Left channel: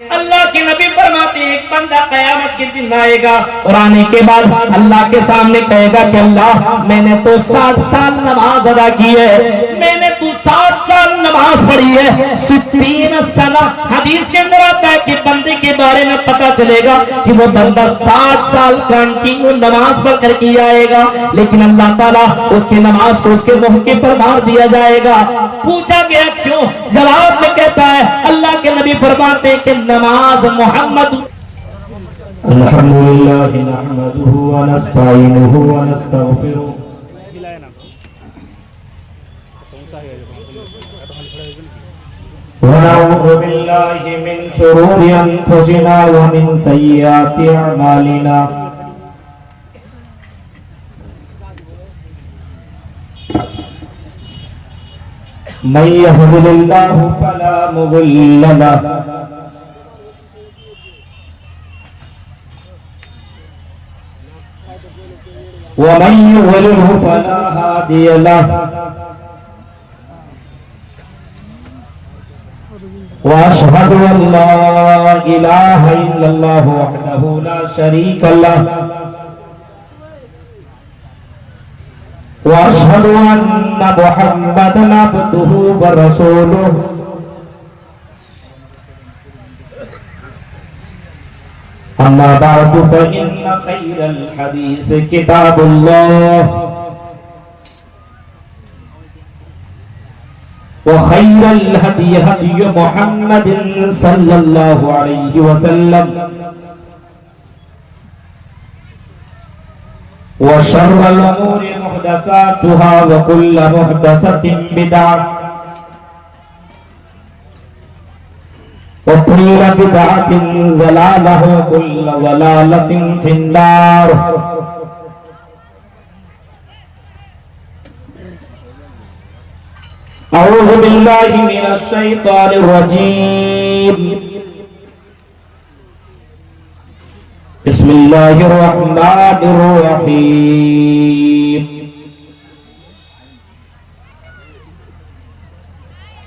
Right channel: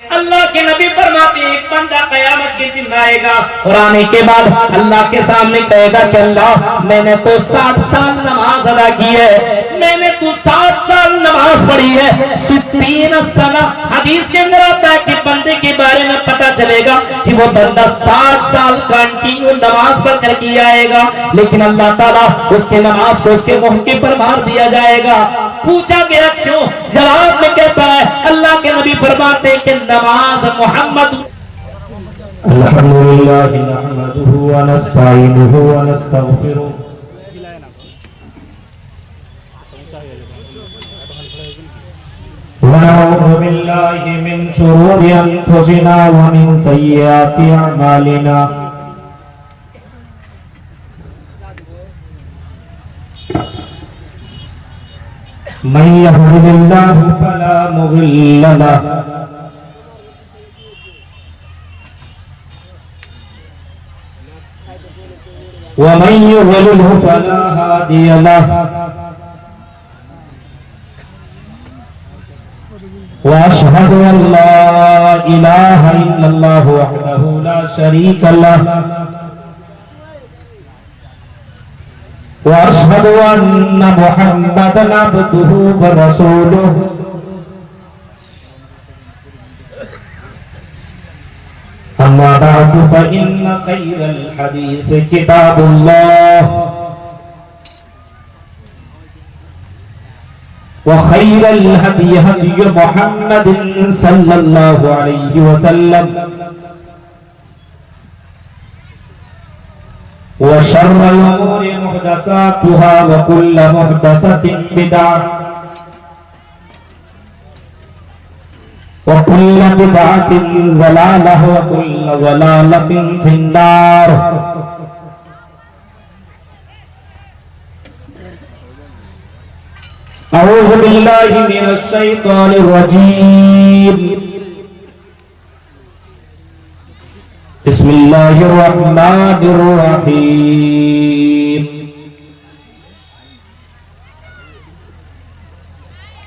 اللہ کے نبی فرماتے ہیں ایک بندہ قیامت کے دن آئے گا اور آنے کے بعد اللہ کے سامنے کہے گا کہ اللہ میں نے تو 60 سال نماز ادا کی ہے، میں نے تو 60 سال نماز پڑھی ہے، 60 سنہ حدیث کے اندر آتا ہے کہ بندے کے بارے میں پتہ چلے گا کہ وہ بندہ 60 سال کنٹینیو نماز پڑھ کر کے آئے گا، لیکن اللہ تعالیٰ اس کے نماز کو اس کے موقع پر مار دیا جائے گا۔ پوچھا گیا کیوں؟ جواب میں کہتا ہے اللہ کے نبی فرماتے ہیں کہ نماز محمد الحمدللہ نحمدہ ونستعینہ ونستغفرہ ونعوذ باللہ من شرور انفسنا ومن سیئات اعمالنا من يهد الله فلا مضل له ومن يضلل فلا هادي له واشهد ان لا اله الا الله وحده لا شريك له واشهد ان محمدا عبده ورسوله اما بعد فان خير الحديث كتاب الله وخير الهدي هدي محمد صلى الله عليه وسلم وشر الأمور محدثاتها وكل محدثة بدعة وكل بدعة ضلالة وكل ضلالة في النار أعوذ بالله من الشيطان الرجيم بسم الله الرحمن الرحيم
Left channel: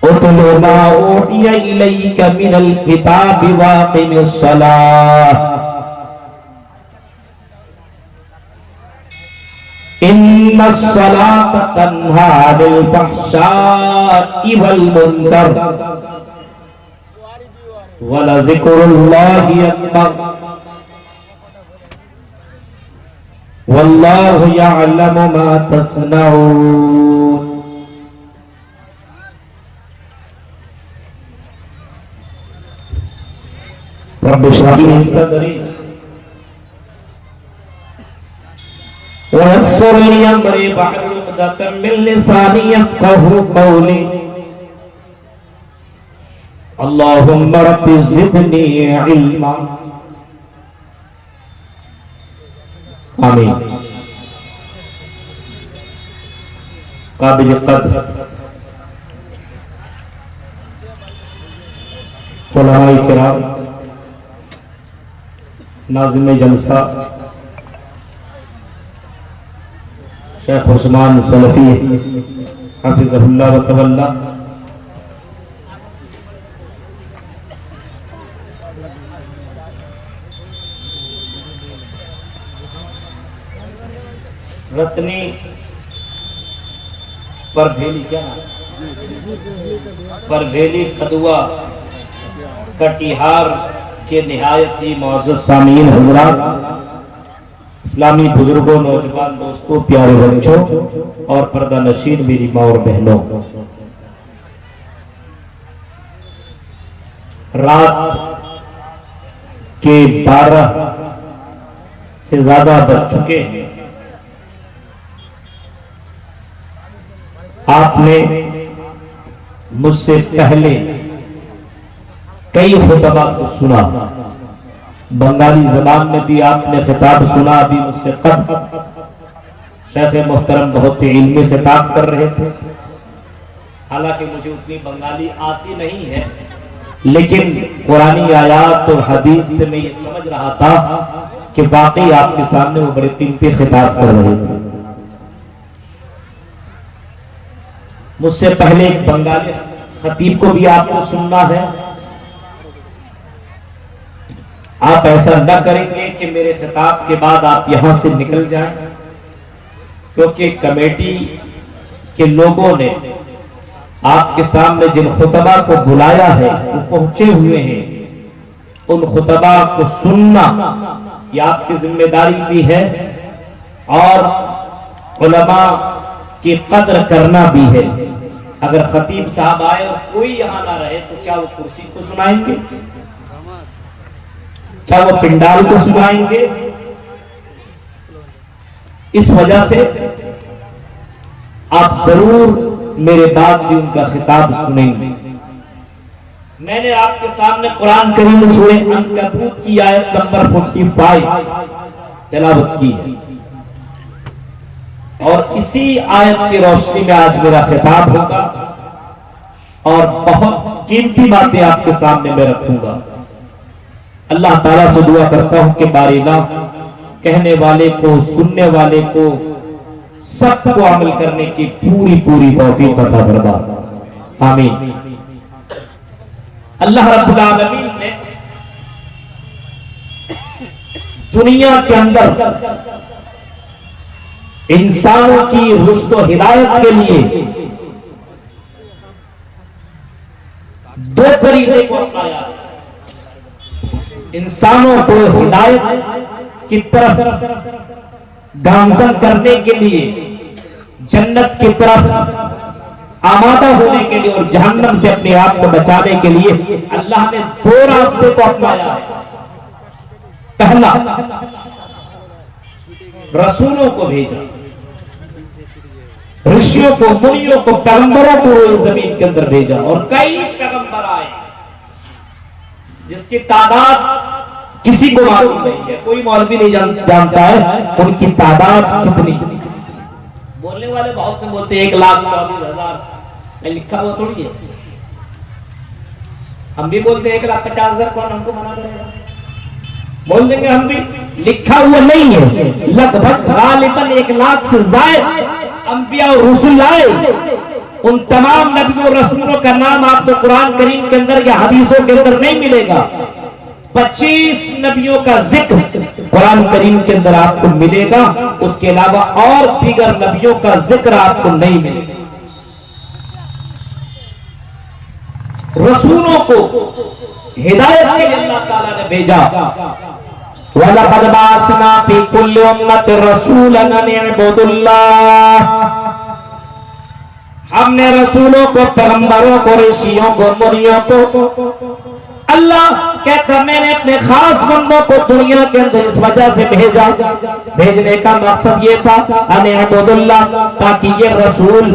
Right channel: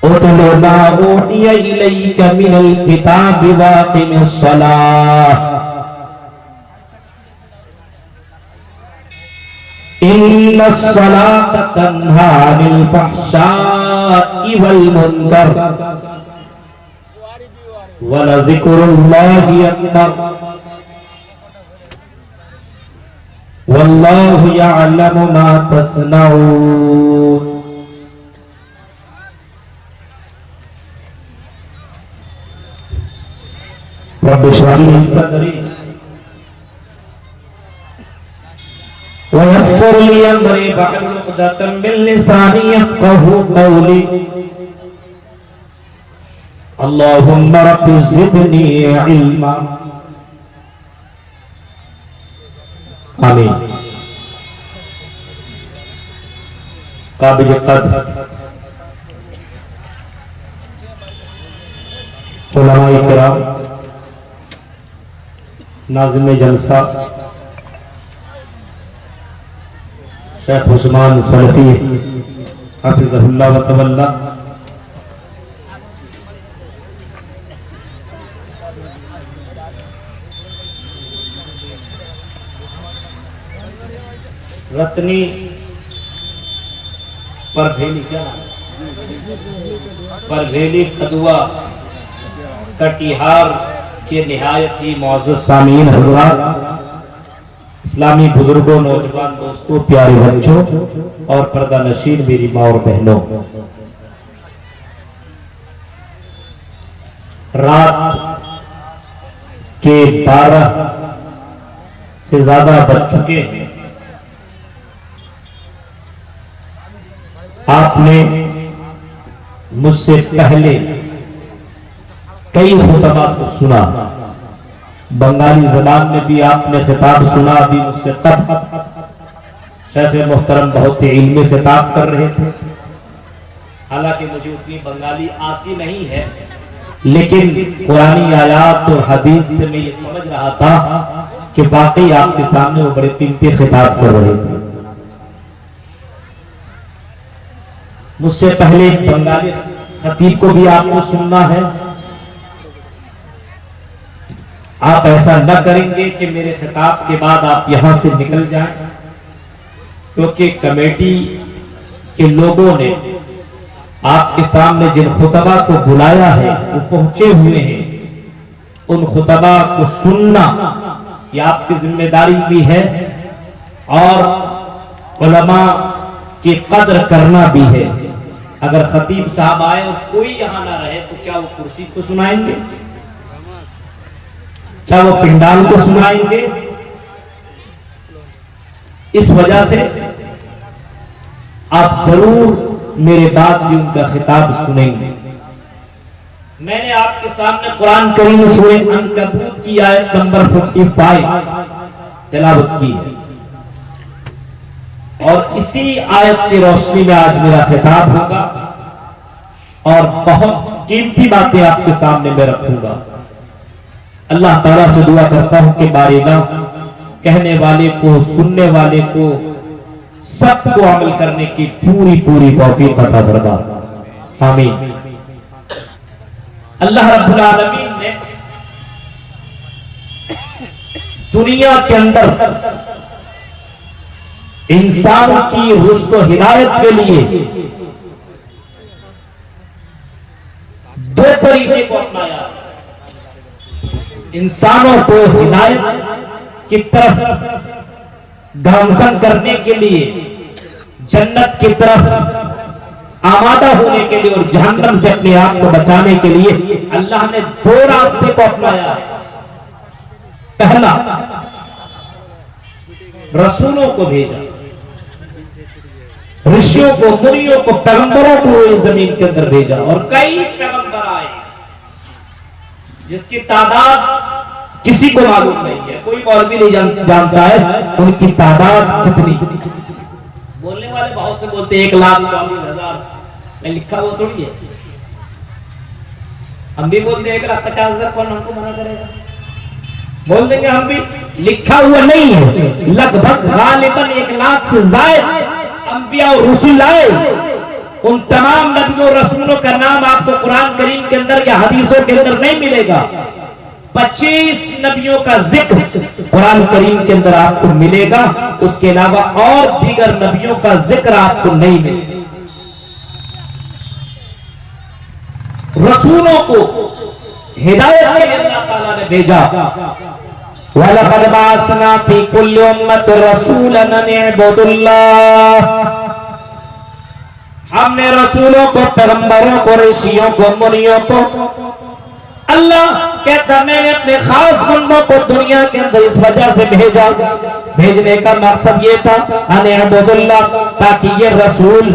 اتل ما اوحي اليك من الكتاب واقم الصلاة ان الصلاة تنهى عن الفحشاء والمنكر ولذكر الله اكبر واللہ یعلم ما تصنعون رب اشرح لي صدری ويسر لي امری واحلل عقدۃ من لسانی یفقهوا قولی اللهم رب زدنی علما آمین۔ قابل قدر علماء کرام، ناظم جلسہ شیخ عثمان سلفی حفظہ اللہ و تولی، رتنی پربھیلی کیا نام پربھیلی کھدوا کٹیہار کے نہایت ہی معزز سامعین حضرات، اسلامی بزرگوں، نوجوان دوستوں، پیارے بچوں اور پردہ نشین میری ماں اور بہنوں، رات کے 12 سے زیادہ بج چکے ہیں۔ آپ نے مجھ سے پہلے کئی خطبات کو سنا، بنگالی زبان میں بھی آپ نے خطاب سنا، ابھی مجھ سے تب شیخ محترم بہت ہی علمی خطاب کر رہے تھے، حالانکہ مجھے اتنی بنگالی آتی نہیں ہے، لیکن قرآنی آیات اور حدیث سے میں یہ سمجھ رہا تھا کہ واقعی آپ کے سامنے وہ بڑے قیمتی خطاب کر رہے تھے۔ مجھ سے پہلے ایک بنگالی خطیب کو بھی آپ کو سننا ہے، آپ ایسا نہ کریں گے کہ میرے خطاب کے بعد آپ یہاں سے نکل جائیں، کیونکہ کمیٹی کے لوگوں نے آپ کے سامنے جن خطبہ کو بلایا ہے وہ پہنچے ہوئے ہیں، ان خطبہ کو سننا یہ آپ کی ذمہ داری بھی ہے، اور علماء کی قدر کرنا بھی ہے۔ اگر خطیب صاحب آئے اور کوئی یہاں نہ رہے تو کیا وہ کرسی کو سنائیں گے؟ کیا وہ پنڈال کو سنائیں گے؟ اس وجہ سے آپ ضرور میرے بعد بھی ان کا خطاب سنیں گے۔ میں نے آپ کے سامنے قرآن کریم سورہ عنکبوت کی آیت نمبر 45 تلاوت کی ہے، اور اسی آیت کی روشنی میں آج میرا خطاب ہوگا، اور بہت قیمتی باتیں آپ کے سامنے میں رکھوں گا۔ اللہ تعالیٰ سے دعا کرتا ہوں کہ باریگا کہنے والے کو، سننے والے کو، سب کو عمل کرنے کی پوری توفیق عطا فرما، آمین۔ اللہ رب العالمین نے دنیا کے اندر انسانوں کی رشد و ہدایت کے لیے دو طریقے کو اپنایا۔ انسانوں کو ہدایت کی طرف گامزن کرنے کے لیے، جنت کی طرف آمادہ ہونے کے لیے، اور جہنم سے اپنے آپ کو بچانے کے لیے اللہ نے دو راستے کو اپنایا ہے۔ پہلا، رسولوں کو بھیجا، رشیوں کو، منیوں کو، پیغمبروں کو اس زمین کے اندر بھیجا، اور کئی پیغمبر آئے جس کی تعداد کسی کو معلوم نہیں ہے، کوئی مولوی نہیں جانتا ہے ان کی تعداد کتنی۔ بولنے والے بہت سے بولتے ہیں 1,40,000، میں لکھا ہوا تھوڑی ہے۔ ہم بھی بولتے ہیں 1,50,000، کون ہم کو منع کرے گا؟ بول دیں گے ہم بھی، لکھا ہوا نہیں ہے۔ لگ بھگ غالباً 1,00,000 سے زائد انبیاء اور رسول آئے۔ ان تمام نبیوں اور رسولوں کا نام آپ کو قرآن کریم کے اندر یا حدیثوں کے اندر نہیں ملے گا۔ 25 نبیوں کا ذکر قرآن کریم کے اندر آپ کو ملے گا، اس کے علاوہ اور دیگر نبیوں کا ذکر آپ کو نہیں ملے گا۔ رسولوں کو ہدایت کے لیے اللہ تعالیٰ نے بھیجا۔ وَلَقَدْ بَعَثْنَا فِي كُلِّ أُمَّةٍ رَسُولًا أَنِ اعْبُدُوا اللَّهَ، ہم نے رسولوں کو، پیغمبروں کو، رشیوں کو، منیوں کو، اللہ کہتا میں نے اپنے خاص بندوں کو دنیا کے اندر اس وجہ سے بھیجا۔ بھیجنے کا مقصد یہ تھا ان اعبدوا اللہ، تاکہ یہ رسول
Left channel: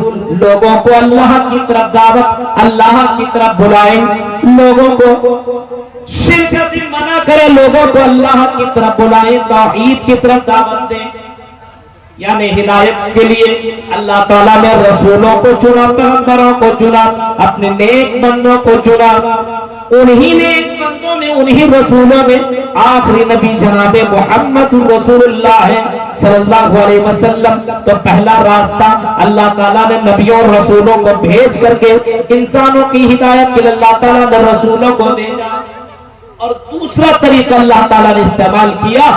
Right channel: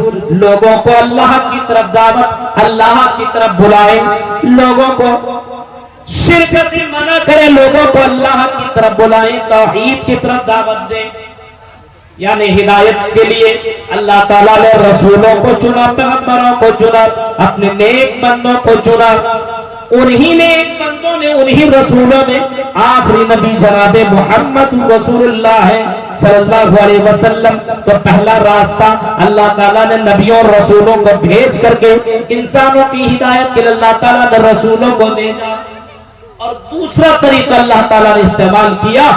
لوگوں کو اللہ کی طرف دعوت، اللہ کی طرف بلائیں، لوگوں کو شرک سے منع کرے، لوگوں کو اللہ کی طرف بلائیں، توحید کی طرف دعوت دیں۔ یعنی ہدایت کے لیے اللہ تعالیٰ نے رسولوں کو چنا، پیغمبروں کو چنا، اپنے نیک بندوں کو چنا۔ انہی نیک بندوں نے، انہی رسولوں میں آخری نبی جناب محمد رسول اللہ صلی اللہ علیہ وسلم۔ تو پہلا راستہ اللہ تعالیٰ نے نبیوں اور رسولوں کو بھیج کر کے انسانوں کی ہدایت کے لیے اللہ تعالیٰ نے رسولوں کو بھیجا، اور دوسرا طریقہ اللہ تعالیٰ نے استعمال کیا،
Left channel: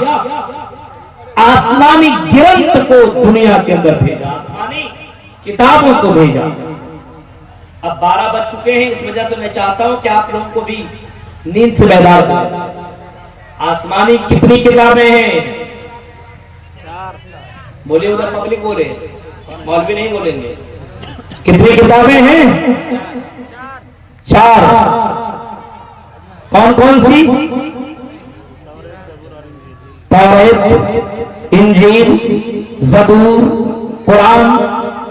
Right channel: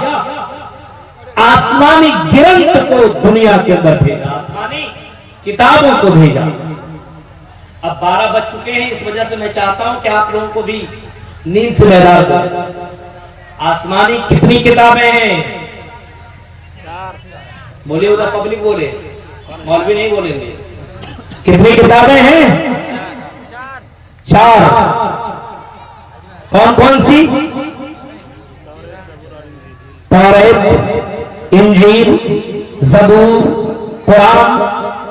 آسمانی گرنت کو دنیا کے اندر بھیجا، آسمانی کتابوں کو بھیجا۔ اب 12 بج چکے ہیں، اس وجہ سے میں چاہتا ہوں کہ آپ لوگوں کو بھی نیند سے بیدار کریں۔ آسمانی کتنی کتابیں ہیں؟ 4۔ بولیے ادھر پبلک بولے، مولوی نہیں بولیں گے۔ کتنی کتابیں ہیں؟ 4۔ کون کون سی؟ توریت، انجیل، زبور، قرآن،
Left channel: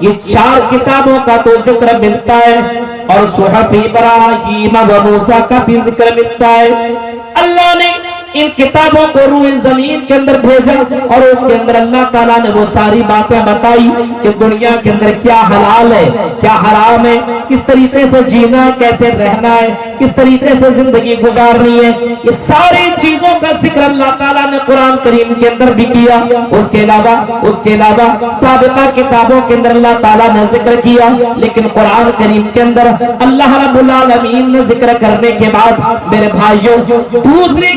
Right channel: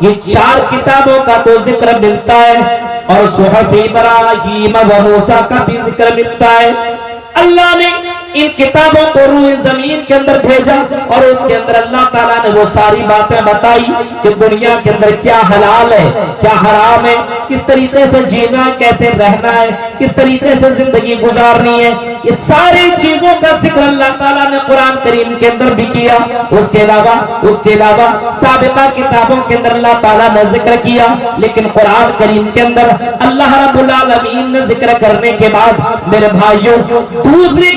یہ 4 کتابوں کا تو ذکر ملتا ہے، اور صحف ابراہیم و موسیٰ کا بھی ذکر ملتا ہے۔ اللہ نے ان کتابوں کو روئے زمین کے اندر بھیجا، اور اس کے اندر اللہ تعالیٰ نے وہ ساری باتیں بتائی کہ دنیا کے اندر کیا حلال ہے، کیا حرام ہے، کس طریقے سے جینا ہے، کیسے رہنا ہے، کس طریقے سے زندگی گزارنی ہے۔ یہ ساری چیزوں کا ذکر اللہ تعالیٰ نے قرآن کریم کے اندر بھی کیا۔ اس کے علاوہ سابقہ کتابوں کے اندر اللہ تعالیٰ نے ذکر کیا، لیکن قرآن کریم کے اندر اللہ رب العالمین نے ذکر کرنے کے بعد میرے بھائیوں دوسری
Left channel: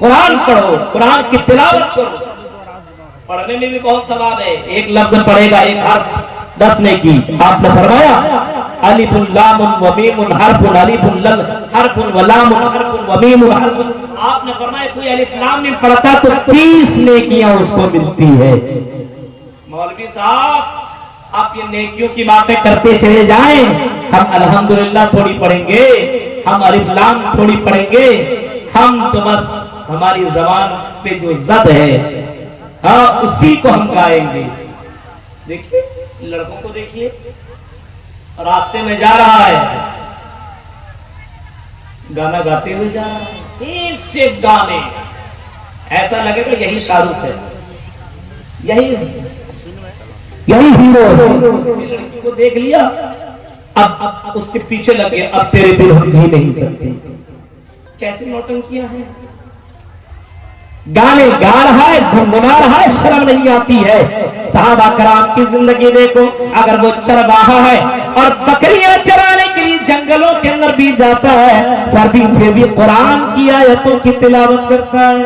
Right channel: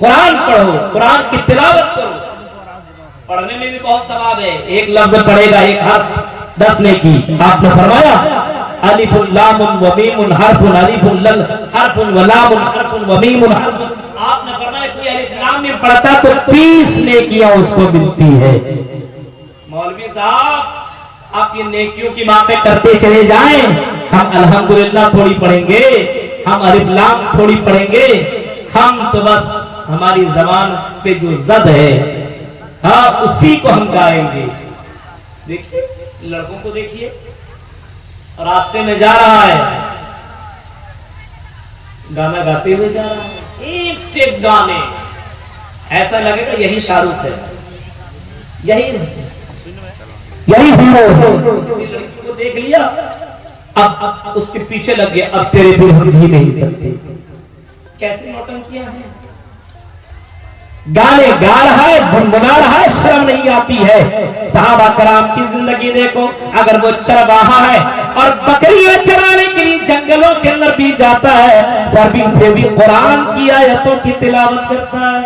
قرآن پڑھو, قرآن کی تلاوت کرو. پڑھنے میں بھی بہت ثواب ہے. ایک لفظ پڑھے گا ایک حرف 10 نیکی. آپ نے فرمایا الف لام و میم حرف, الف حرف و لام حرف و میم حرف. آپ نے فرمایا کوئی الف لام میم پڑھتا تو 30 نیکیاں اس کو ملتی ہے. مولوی صاحب آپ یہ نیکیوں کی باتیں کرتے چلے جائیں, ہم الحمدللہ تھوڑی پڑھیں گے, ہم الف لام تھوڑی پڑھیں گے, ہم تو بس ہماری زبان پہ جو زد ہے ہاں اسی کو ہم گائیں گے. دیکھیے لڑکوں کو دیکھیے, راستے میں جا رہا ہے, گانا گاتے ہوئے جا رہا ہے, ایک سے ایک گانے, ایسا لگے گا یہی شاہ رخ ہے, یہی ہیرو ہے. کسی لڑکی کو دیکھ لیا, اب اس کے پیچھے لگ گیا, اب تیرے دل ہم جی نہیں سکتے. کیسے نوٹنکیاں ہیں, گانے گا رہا ہے, گنگنا رہا ہے, شرم نہیں آتی ہے. صحابہ کرام کی زندگی دیکھو, اگر وہ چرواہا ہے اور بکریاں چرانے کے لیے جنگلوں کے اندر بھی جاتا ہے, پھر بھی قرآن کی آیتوں کی تلاوت کرتا ہے,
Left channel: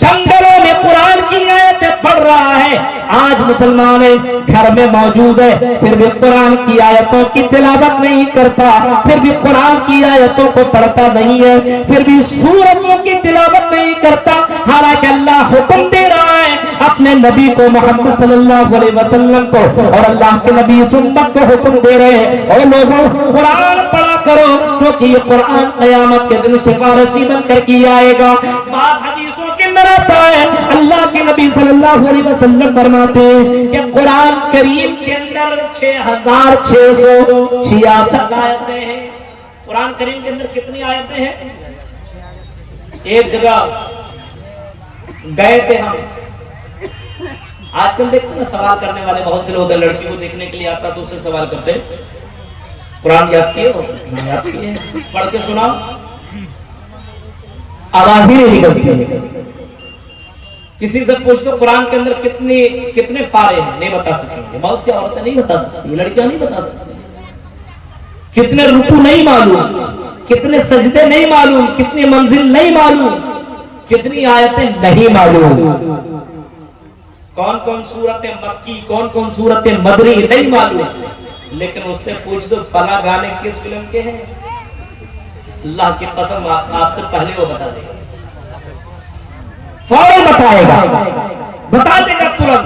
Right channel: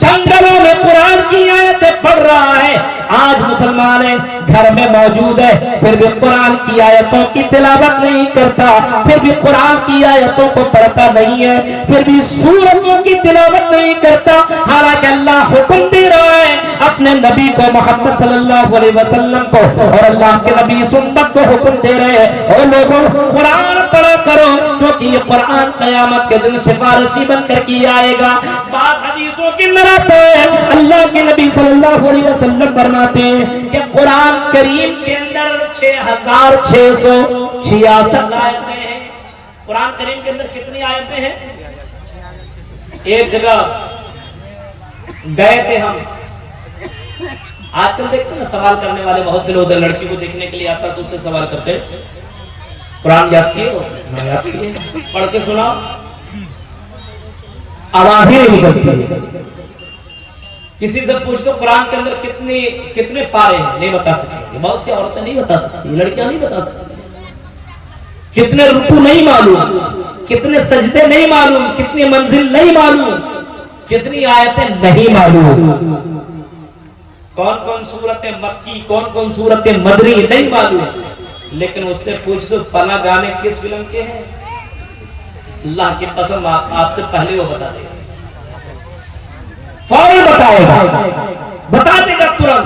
جنگلوں میں قرآن کی آیتیں پڑھ رہا ہے. آج مسلمان گھر میں موجود ہے, پھر بھی قرآن کی آیتوں کی تلاوت نہیں کرتا, پھر بھی قرآن کی آیتوں کو پڑھتا نہیں ہے, پھر بھی سورتوں کی تلاوت نہیں کرتا. حالانکہ اللہ حکم دے رہا ہے اپنے نبی کو, محمد صلی اللہ علیہ وسلم کو, اور اللہ کے نبی سنت کو حکم دے رہے ہیں, اے لوگوں قرآن پڑھا کرو, کیونکہ یہ قرآن قیامت کے دن سفارشی بن کر کے آئے گا. بعض حدیثوں کے اندر آتا ہے اللہ کے نبی صلی اللہ علیہ وسلم فرماتے ہیں کہ قرآن کریم کے اندر 6666 آیتیں ہیں. قرآن کریم کے اندر کتنی آیتیں ہیں؟ ایک جگہ گئے تھے ہم, آج کل دیکھتے ہیں سوال کرنے والے بہت سے لوگ, لڑکی کو دیکھنے کے لیے آتا تو اس سے سوال کرتے قرآن یاد کیے ہو, یاد کیے, پڑھ کے سنا, آواز ہی نہیں نکلتی ہے. کسی سے پوچھ دو قرآن کے اندر کتنے پارے ہیں, نہیں بتا سکتی. بہت سی عورتیں نہیں بتا سکتی, لڑکیاں نہیں بتا سکتی. کتنے رکوع نہیں معلوم, کتنے سجدے نہیں معلوم, کتنی منزل نہیں معلوم, کتنی آیتیں نہیں معلوم, کون کون سورتیں مکی, کون کون سورتیں مدنی نہیں معلوم. لیکن اس سے پوچھ دو فلاں گانے کس فلم کے ہیں, اللہ کی قسم آپ سے پہلے وہ بتا دے گا, فوراً بتائے گا, بتا دے گا ترنت.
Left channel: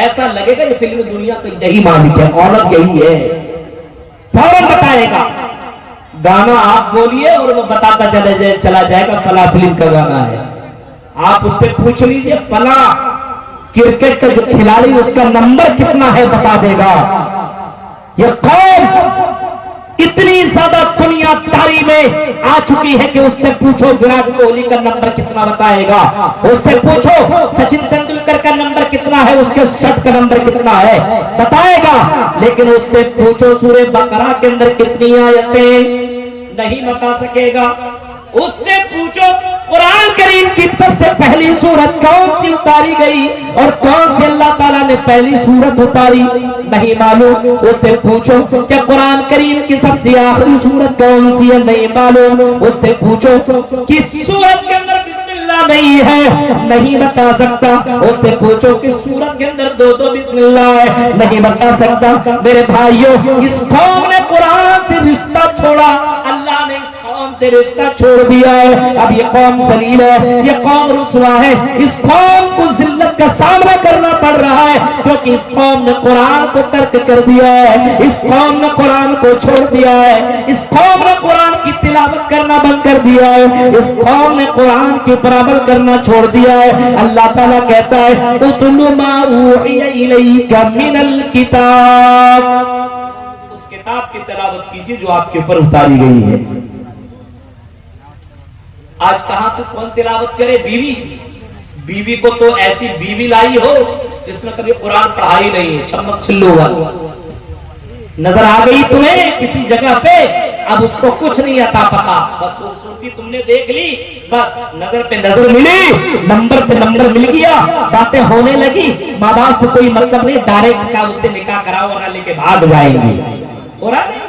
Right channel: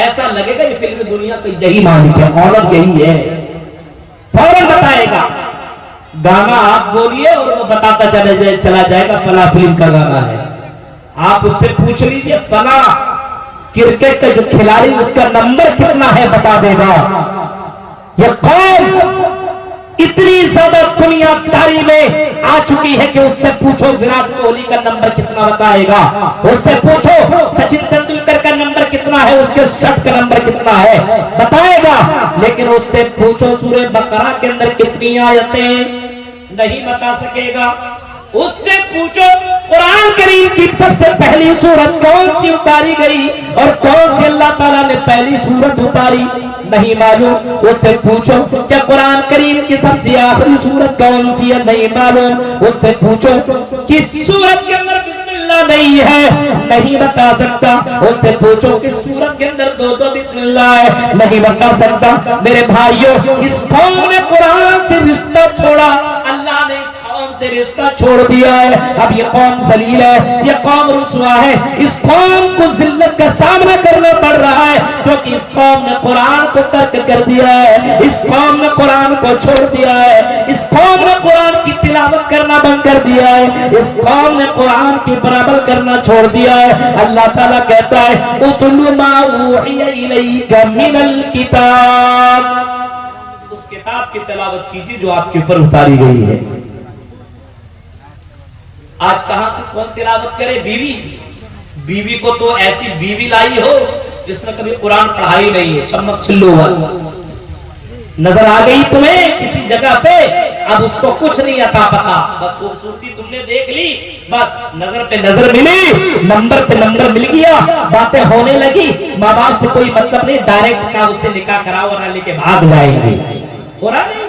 ایسا لگے گا یہ فلم دنیا کا یہی مالک ہے, عورت یہی ہے, فوراً بتائے گا. گانا آپ بولیے اور وہ بتاتا چلا جائے گا فلاں فلم کا گانا ہے. آپ اس سے پوچھ لیجئے فلاں کرکٹ کا جو کھلاڑی اس کا نمبر کتنا ہے, بتا دے گا. یہ قوم اتنی زیادہ دنیا داری میں آ چکی ہے کہ اس سے پوچھو وراٹ کوہلی کا نمبر کتنا بتائے گا, اس سے پوچھو سچن تندولکر کا نمبر کتنا ہے, اس کے شٹ کا نمبر کتنا ہے, بتائے گا. لیکن اس سے پوچھو سورہ بقرہ کے اندر کتنی آیتیں, نہیں بتا سکے گا. اس سے پوچھو قرآن کریم کی سب سے پہلی سورت کون سی اتاری گئی اور کون سی اللہ تعالیٰ نے پہلی سورت اتاری, نہیں معلوم. اس سے پوچھو کہ قرآن کریم کی سب سے آخری سورت کون سی ہے, نہیں معلوم. اس سے پوچھو کس سورت کے اندر بسم اللہ نہیں ہے, نہیں بتا سکتا. اس سے پوچھو کس سورت کے اندر دو بسم اللہ ہے, نہیں بتا سکتا. میرے بھائیوں, اس قوم نے قرآن سے رشتہ چھوڑا, اللہ نے اس قوم سے رشتہ چھوڑ دیا ہے. اب یہ قوم ذلیل ہے, یہ قوم رسوا ہے, اس قوم کو ذلت کا سامنا کرنا پڑ رہا ہے, کیونکہ اس قوم نے قرآن کو ترک کر دیا ہے, اس قوم نے قرآن کو چھوڑ دیا ہے, اس قوم نے قرآن کی تلاوت کرنا بند کر دیا ہے, اس قوم نے قرآن کی برابر کرنا چھوڑ دیا ہے. اللہ تعالیٰ کہتا ہے اتل ما اوحی الیک من الکتاب, اس کتاب کی تلاوت کیجیے جو آپ کے اوپر اتاری گئی ہے. آج کہاں سے کون تلاوت کرے, بیوی کو تو ایسی بیوی لائی ہو جس نے کبھی قرآن پڑھائی نہیں ہے, چمک چلو نظر آ گئی تمہیں کسی جگہ پہ, اب اس کو کچھ نہیں آتا پتا, بس خوبصورتی تم نے دیکھ لی, بس نظر پہ نظر ملی, نمبر پہ نمبر مل گیا, باتیں ہونے لگی, ماں باپ سے کوئی مطلب نہیں, ڈائریکٹ کا اس سے نکاح کراؤ اور لے کے بھاگ جائیں گے. ہو رہا نہیں,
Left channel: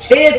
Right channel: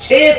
6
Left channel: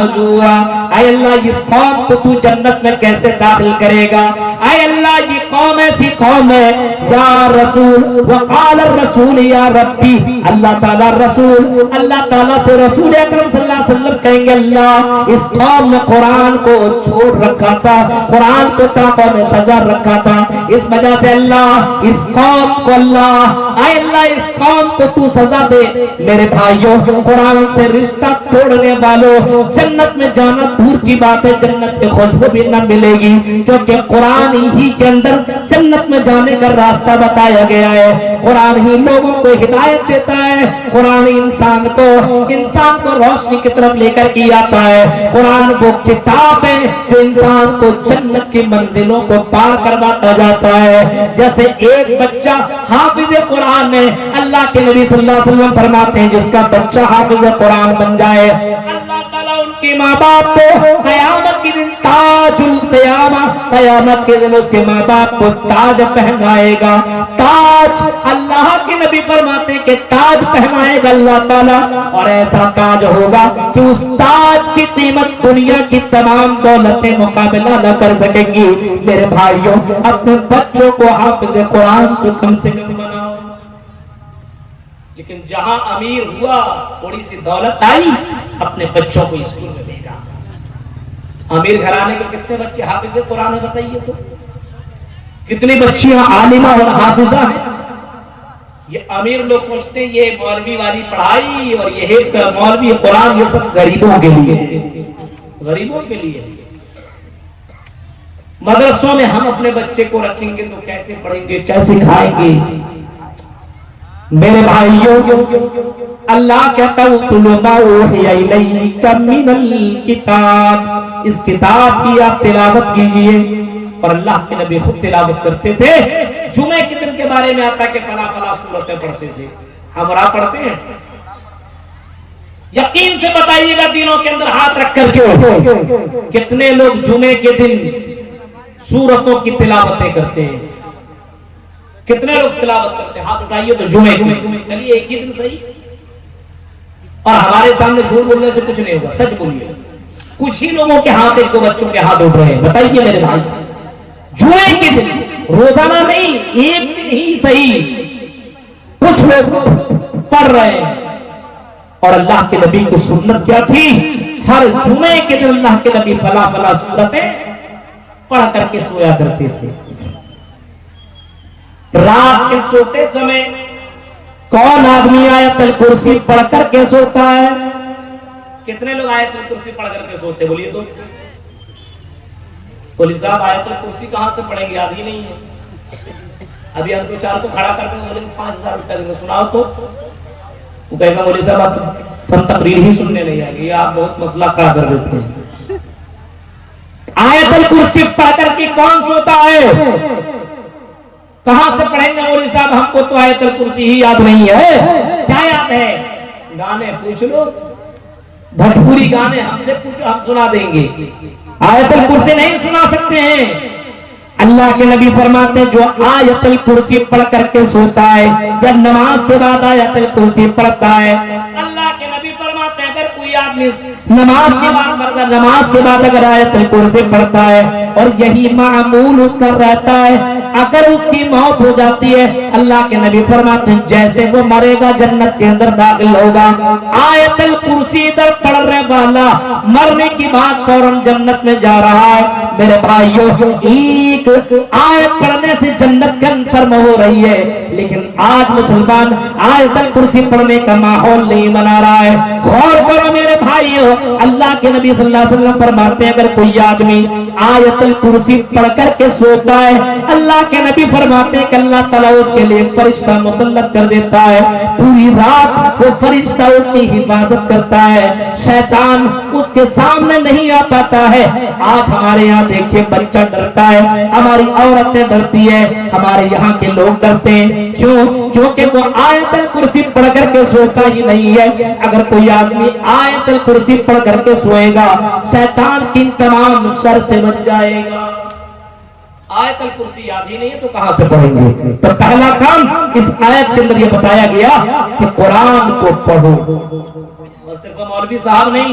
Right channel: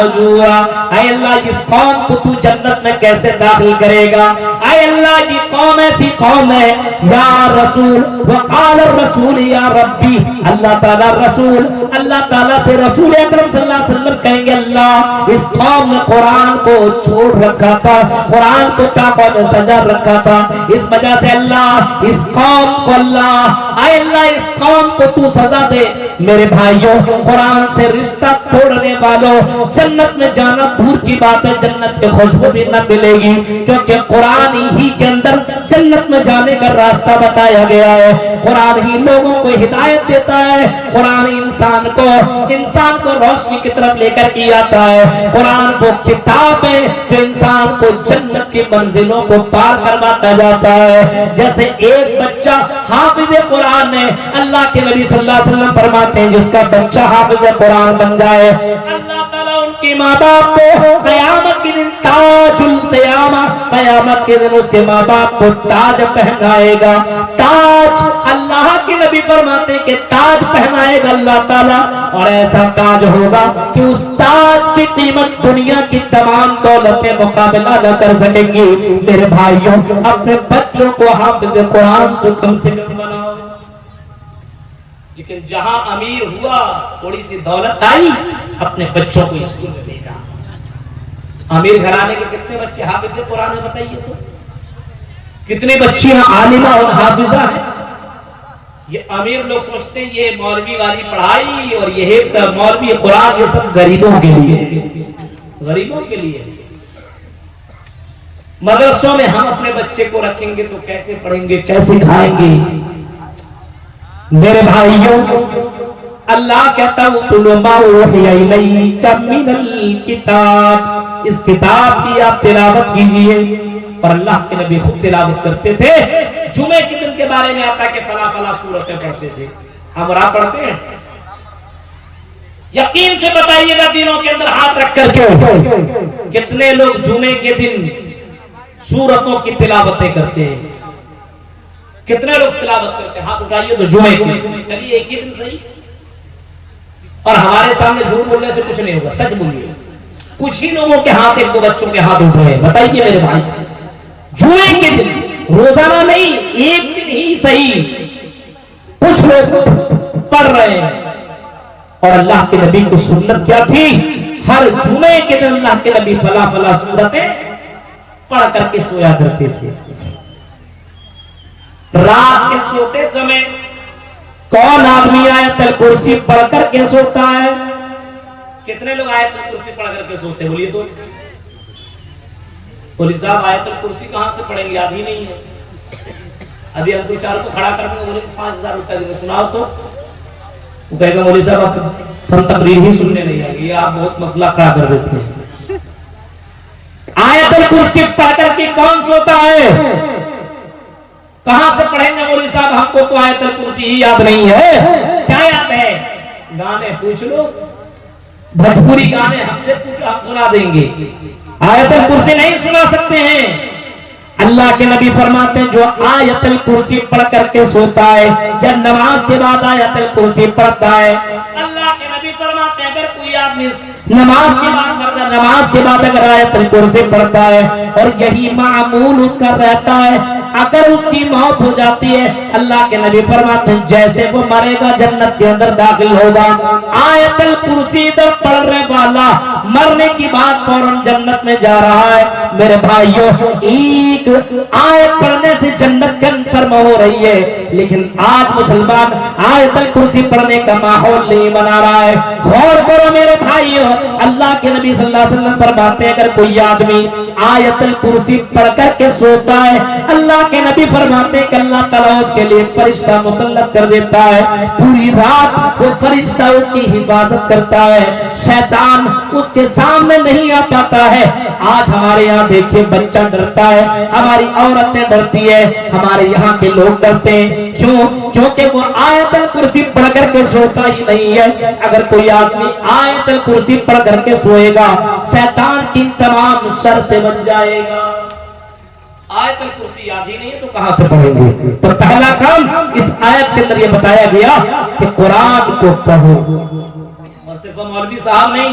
نجورا، اے اللہ اس قوم کو تو جنت میں کیسے داخل کرے گا؟ اے اللہ یہ قوم ایسی قوم ہے یا رسول، وقال الرسول یا ربی، اللہ تعالیٰ رسول، اللہ تعالیٰ سے رسول اکرم صلی اللہ علیہ وسلم کہیں گے اللہ اس قوم نے قرآن کو چھوڑ رکھا تھا، قرآن کو طاقت میں سجا رکھا تھا، اس وجہ سے اللہ اس قوم کو اللہ، اے اللہ اس قوم کو تو سزا دے۔ میرے بھائیوں قرآن سے رشتہ توڑنے والوں جنت میں جانا دور کی بات ہے، جنت کے خوشبو بھی نہ ملے گی، کیونکہ قرآن ہی کے اندر جنت میں جانے کا راستہ بتایا گیا ہے، قرآن ہی لوگوں کو ہدایت دیتا ہے، قرآن انسان کو روشنی کی طرف لے کر کے آتا ہے، قرآن کو کتاب ہے جو انسان کو جنت کی منزلوں کو پار کرواتا جاتا ہے۔ جیسے ایک بچہ حافظ قرآن ہے، اللہ کے نبی صلی اللہ علیہ وسلم فرماتے ہیں جس کا بچہ حافظ قرآن بن جائے اللہ تعالیٰ ان کی ماں باپ کو قیامت کے دن تاج القیامہ، قیامت کے دن اس کے ماں باپ کو تاج پہنائے گا، تاج اللہ کے نبی فرماتے ہیں کہ تاج پہنائے گا اللہ تعالیٰ، اور ایسا تاج ہوگا کہ اس تاج کی قیمت دنیا کی تمام دولتیں مقابلہ نہ کر سکیں گی۔ میرے بھائیوں اپنے بچوں کو حافظ قرآن کو کم سے کم بناؤ، لیکن جہاں امیر ہوا تھوڑی سی دولت آئی اپنے بچوں کو اسکول میں بھیجا۔ امیر گھرانے کے کتنے بچے حافظ قرآن ہیں بتائیے تو، کتنی بچیاں عالمہ اور حافظہ ہیں؟ یہ امیر لوگ سوچتے ہیں یہ مولوی والی پڑھائی اور یہ مولوی قرآن یہ سب غریبوں کے لیے، غریبوں کے لیے۔ مدرسوں میں ہم اپنے بچے کو رکھیں گے تو کیسے پڑھیں گے، کیسے کھائیں گے؟ میرے بھائیوں اللہ کہتا من الکتاب، اس کتاب کی آپ تلاوت کیجئے، اور اللہ کے نبی خود تلاوت کرتے تھے۔ جمعے کے دن کے بارے میں آتا ہے کہ فلاں فلاں سورتیں پڑھتے تھے، ہم راہ پڑھتے ہیں؟ یقین سے بتائیے گا دینوں کے اندر ہاتھ رکھ کر کے کتنے لوگ جمعے کے دن سورتوں کی تلاوتیں کرتے ہیں؟ کتنے لوگ تلاوت کرتے ہیں؟ ہاتھ اٹھائیے تو جمعے کی، چلیے ایک ہی دن صحیح، اور ہمارے سامنے جھوٹ بولنے سے کچھ نہیں ہوگا، سچ بولیے۔ کچھ ہی لوگوں کے ہاتھ، ایک دو بچوں کے ہاتھ اٹھ رہے ہیں، بتائیے میرے بھائی جمعے کے دن، روزانہ نہیں، ایک دن ہی صحیح کچھ لوگ پڑھ رہے ہیں۔ اور اللہ کے نبی کو سنت کیا تھی؟ ہر جمعے کے دن اللہ کے نبی فلاں فلاں سورتیں پڑھ کر کے سویا کرتے تھے۔ رات کے سوتے سمے کون آدمی آیت الکرسی پڑھ کر کے سوتا ہے؟ کتنے لوگ آیت الکرسی پڑھ کر کے سوتے؟ بولیے تو۔ پولیس صاحب آیت الکرسی کہاں سے پڑھیں گے؟ یاد ہی نہیں ہے۔ ابھی ہم دو چار کو کھڑا کرتے ہیں، بولے 5000 روپے دیں گے، سناؤ تو۔ وہ کہے گا مولوی صاحب آپ ہم تقریر ہی سننے نہیں آئے گی، آپ بہت مسئلہ کھڑا کر دیتے ہیں۔ آیت الکرسی پڑھ کر کے کون سوتا ہے؟ کہاں سے پڑھیں گے مولوی صاحب؟ ہم کو تو آیت الکرسی ہی یاد نہیں ہے۔ کیا یاد ہے؟ گانے پوچھ لو، بھوجپوری گانے ہم سے پوچھو، ہم سنا دیں گے۔ آیت الکرسی نہیں سنا سکتے ہیں۔ اللہ کے نبی فرماتے جو آیت الکرسی پڑھ کر کے سوتا ہے یا نماز کے بعد آیت الکرسی پڑھتا ہے، اللہ کے نبی فرماتے اگر کوئی آدمی نماز کے بعد فرض نماز کے بعد اگر آیت الکرسی پڑھتا ہے اور یہی معمول اس کا رہتا ہے، اگر اس کی موت ہو جاتی ہے، اللہ کے نبی فرماتے ہیں جیسے وہ مرے گا جنت کے اندر داخل ہوگا۔ آیت الکرسی ادھر پڑھنے والا مرنے کی بعد فوراً جنت میں جا رہا ہے۔ میرے بھائیوں ایک آیت پڑھنے سے جنت کنفرم ہو رہی ہے، لیکن آج مسلمان آیت الکرسی پڑھنے کا ماحول نہیں بنا رہا ہے۔ غور کرو میرے بھائیوں، اللہ کے نبی صلی اللہ علیہ وسلم فرماتے ہیں اگر کوئی آدمی آیت الکرسی پڑھ کر کے سوتا ہے، اللہ کے نبی فرماتے ہیں کہ اللہ تعالیٰ اس کے لیے فرشتہ مسلط کر دیتا ہے، پوری رات وہ فرشتہ اس کی حفاظت کرتا ہے، شیطان اس کے سامنے نہیں آ پاتا ہے۔ آج ہمارے یہاں دیکھیے بچہ ڈرتا ہے، ہماری عورتیں ڈرتی ہے، ہمارے یہاں کے لوگ ڈرتے ہیں، کیوں؟ کیونکہ وہ آیت الکرسی پڑھ کر کے سوتا ہی نہیں ہے۔ اگر کوئی آدمی آیت الکرسی پڑھ کر کے سوئے گا، شیطان کی تمام شر سے بچ جائے گا۔ آیت الکرسی یاد ہی نہیں ہے تو کہاں سے پڑھیں گے؟ تو پہلا کام اس آیت کے اندر یہ بتایا گیا کہ قرآن کو پڑھو، اور صرف مولوی صاحب نہیں،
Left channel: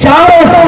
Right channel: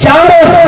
4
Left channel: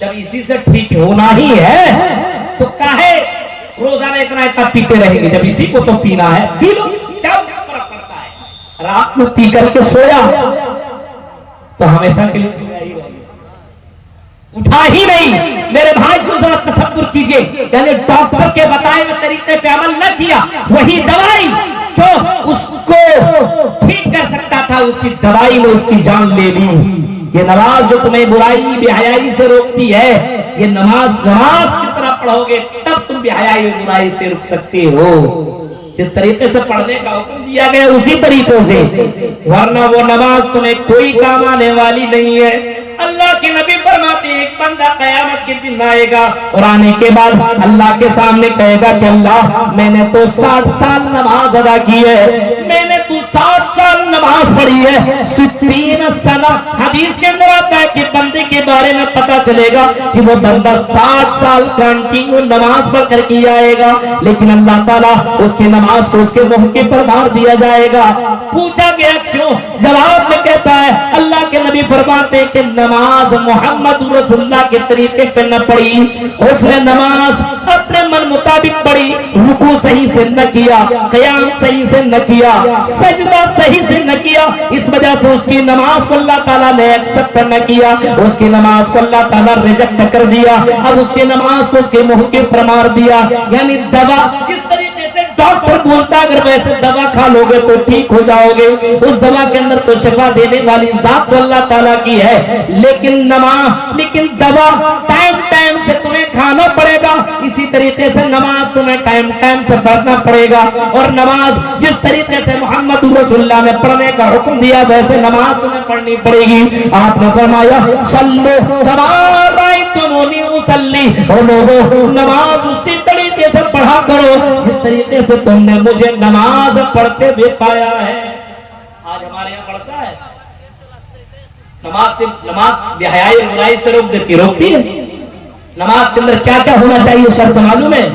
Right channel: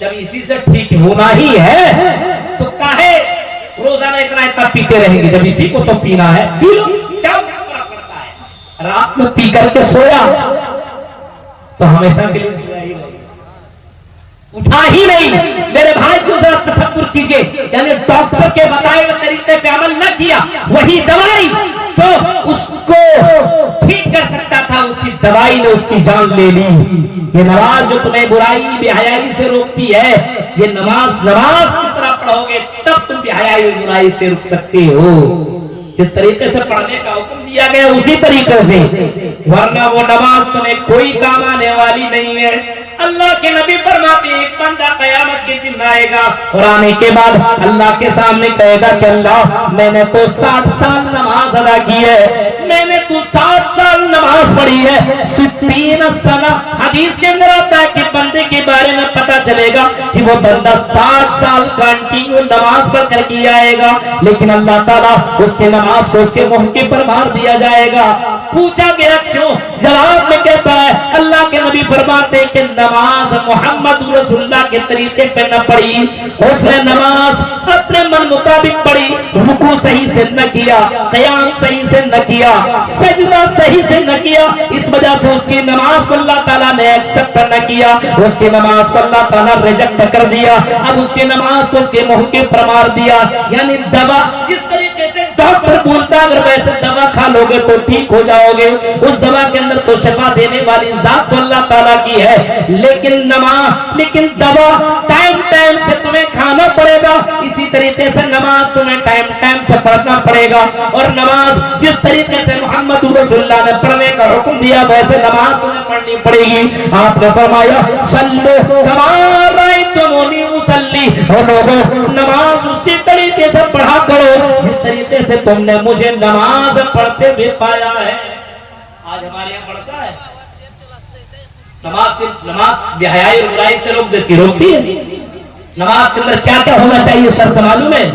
جب اسی سے ٹھیک ہونا ہی ہے تو کاہے روزانہ اتنا پیتے رہیں گے؟ جب اسی کو تو پینا ہے پی لو، کیا فرق پڑتا ہے؟ رات میں پی کر کے سویا تو ہمیشہ کے لیے سویا ہی رہے گا، اٹھا ہی نہیں۔ میرے بھائی کو ذرا تصور کیجئے، یعنی ڈاکٹر کے بتائے ہوئے طریقے پہ عمل نہ کیا، وہی دوائی جو اس کو ٹھیک کر سکتا تھا اسی دوائی نے اس کی جان لے لی۔ یہ نماز جو تمہیں برائی بے حیائی سے روکتی ہے، یہ نماز جتنا پڑھو گے تب تم بے حیائی اور برائی سے رک سکتے ہو۔ جس طریقے سے پڑھنے کا حکم دیا گیا اسی طریقے سے، ورنہ وہ نماز تمہیں کوئی کام آنے والی نہیں ہے۔ اللہ کے نبی فرماتے ہیں ایک بندہ قیامت کے دن آئے گا اور آنے کے بعد اللہ کے سامنے کہے گا کہ اللہ میں نے تو 60 سال نماز ادا کی ہے، میں نے تو 60 سال نماز پڑھی ہے، 60 سنہ۔ حدیث کے اندر آتا ہے کہ بندے کے بارے میں پتا چلے گا کہ وہ بندہ 60 سال کنٹینیو نماز پڑھ کر کے آئے گا، لیکن اللہ تعالیٰ اس کی نماز کو اس کے موقع پر مار دیا جائے گا۔ پوچھا گیا کیوں؟ جواب میں کہتا ہے اللہ کے نبی فرماتے کہ نماز محمد رسول اللہ کے طریقے پہ نہ پڑھی، اس نے نماز اپنے من مطابق پڑھی، رکوع صحیح سے نہ کیا، قیام صحیح سے نہ کیا، سجدہ صحیح سے نہ کیا، اس وجہ سے اس کی نماز کو اللہ تعالیٰ نے ایکسپٹ نہ کیا، اس کی نماز کو اللہ تعالیٰ ریجیکٹ کر دیا، اب اس کی نماز کو اس کے موقع پر مار دیا۔ یعنی دوا جس طریقے سے ڈاکٹر بولتا اگر ویسے دوا کھا لو گے تو ٹھیک ہو جاؤ گے، اس دوا کے اندر تو شفا دینے والی ذات تو اللہ تعالیٰ کی ہے، لیکن دوا ٹائم سے تمہیں کھانا پڑے گا، اسی طریقے سے نماز تمہیں ٹائم سے پڑھنا پڑے گا، اور نماز جس طریقے سے محمد رسول اللہ نے پڑھنے کا حکم دیا ویسے نماز تمہیں پڑھنی پڑے گی۔ آپ نے فرمایا صلو کما رأیتمونی اصلی، اور لوگوں نماز اسی طریقے سے پڑھا کرو جس طریقے سے تم نے مجھے نماز پڑھتے بھی پایا ہے۔ آج ہمارے یہاں پڑھتا ہے نماز بے حیائی اور برائی سے روکتی ہے۔ نماز کے اندر کیا کیا ہونا چاہیے شرط معلوم ہے؟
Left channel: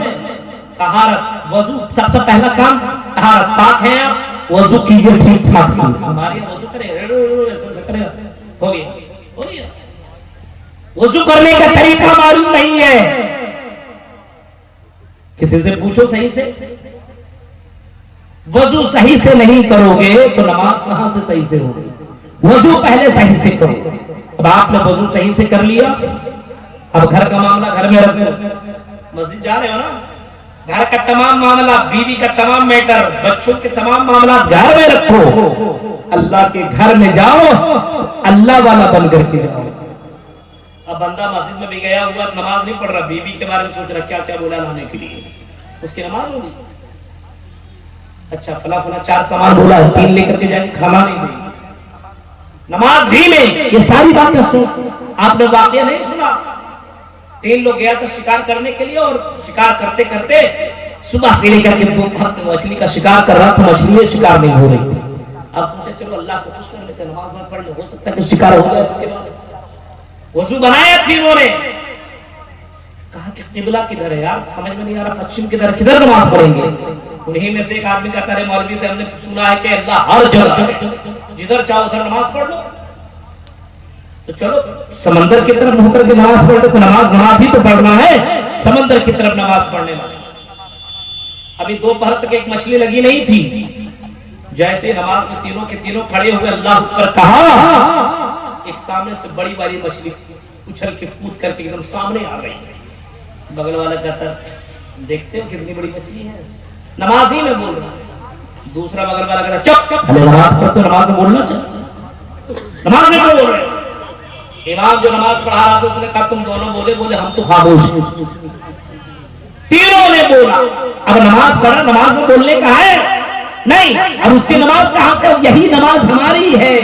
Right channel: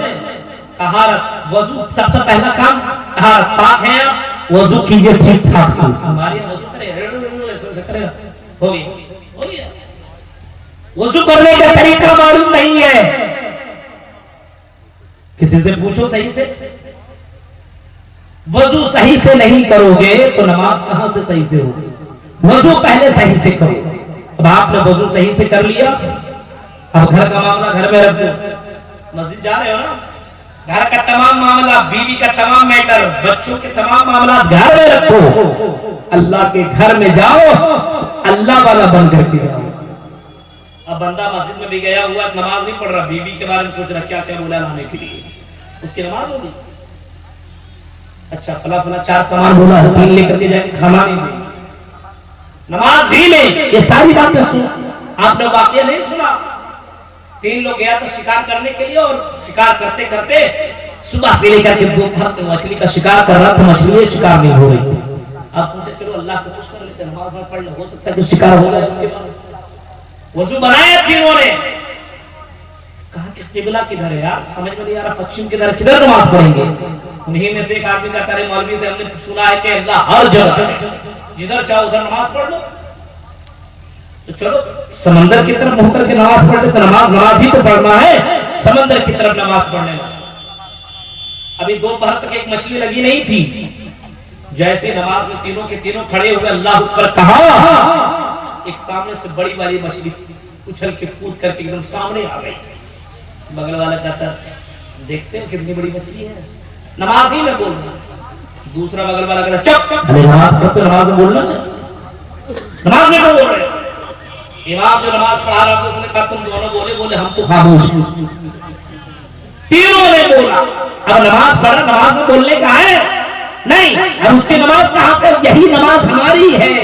طہارت، وضو، سب سے پہلا کام طہارت، پاک ہے آپ وضو کیجئے ٹھیک ٹھاک سے۔ ہمارے یہاں وضو کرے ایسے کرے ہو گیا، وضو کرنے کا طریقہ معلوم نہیں ہے، کسی سے پوچھو صحیح سے، وضو صحیح سے نہیں کرو گے تو نماز کہاں سے صحیح سے ہوگی؟ وضو پہلے صحیح سے کرو۔ اب آپ نے وضو صحیح سے کر لیا، اب گھر کا معاملہ گھر میں رکھو، مسجد جا رہے ہو نا، گھر کا تمام معاملہ، بیوی کا تمام میٹر، بچوں کے تمام معاملات گھر میں رکھو، اللہ کے گھر میں جاؤ، اللہ والا بن کر کے جاؤ۔ اب بندہ مسجد میں بھی گیا ہوا نماز نہیں پڑھ رہا، بیوی کے بارے میں سوچ رہا کیا کیا بولا لانے کے لیے، اس کی نماز ہوگی؟ اچھا فلاں 4 سامان بولا ہے، 3 لے کر کے جائیں کھانا نہیں دیں، نماز ہی میں یہ ساری باتیں سن۔ آپ نے واقعہ نہیں سنا، 3 لوگ گیا تھا شکار کرنے کے لیے، اور شکار کرتے کرتے صبح سے لے کر کے دوپہر مچھلی کا شکار کر رہا تھا، مچھلی شکار نہیں ہو رہی تھی۔ اب سوچے چلو اللہ کو خوش کر لیتے، نماز میں پڑھ لے، ہو سکتا ہے کہ شکار ہو جائے۔ اس کے بعد وضو بنایا تینوں نے، کہا کہ قبلہ کدھر ہے یار، سمجھ میں نہیں آ رہا، پچھم کدھر ہے، کدھر نماز پڑھیں گے؟ انہی میں سے ایک آدمی کہتا ہے مولوی سے ہم نے سنا ہے کہ اللہ ہر جگہ ہے، جدھر چاہو ادھر نماز پڑھ لو۔ تو چلو سمندر کی طرف منہ کر کے نماز پڑھتے، تو نماز ہی تو پڑھنا ہے، سمندر کی طرف نماز پڑھنے میں۔ ابھی دوپہر تک ایک مچھلی لگی نہیں تھی، جیسے نماز میں تینوں کے تینوں کھڑے ہوئے اللہ اکبر کہا، ایک سامنے سے بڑی والی مچھلی اچھل کے کود کر کے ایک دم سامنے آ گئی۔ بغل والا کہتا دیکھتے ہو کتنی بڑی مچھلی ہے، نماز ہی میں بول رہا۔ دوسرا بغل والا کہتا چپ، نماز پڑھتے نماز میں بولنا چاہیے، نماز میں کیوں بول رہے ہو؟ امام جو نماز پڑھا رہا تھا اس نے کہا تم دونوں بولے ہم تو خاموش ہیں۔ تینوں نے بولا، اب نماز پڑھا، نماز میں بولنے کا ہے نہیں، اب اس کی نماز کہاں سے؟ یہی نماز ہماری ہے۔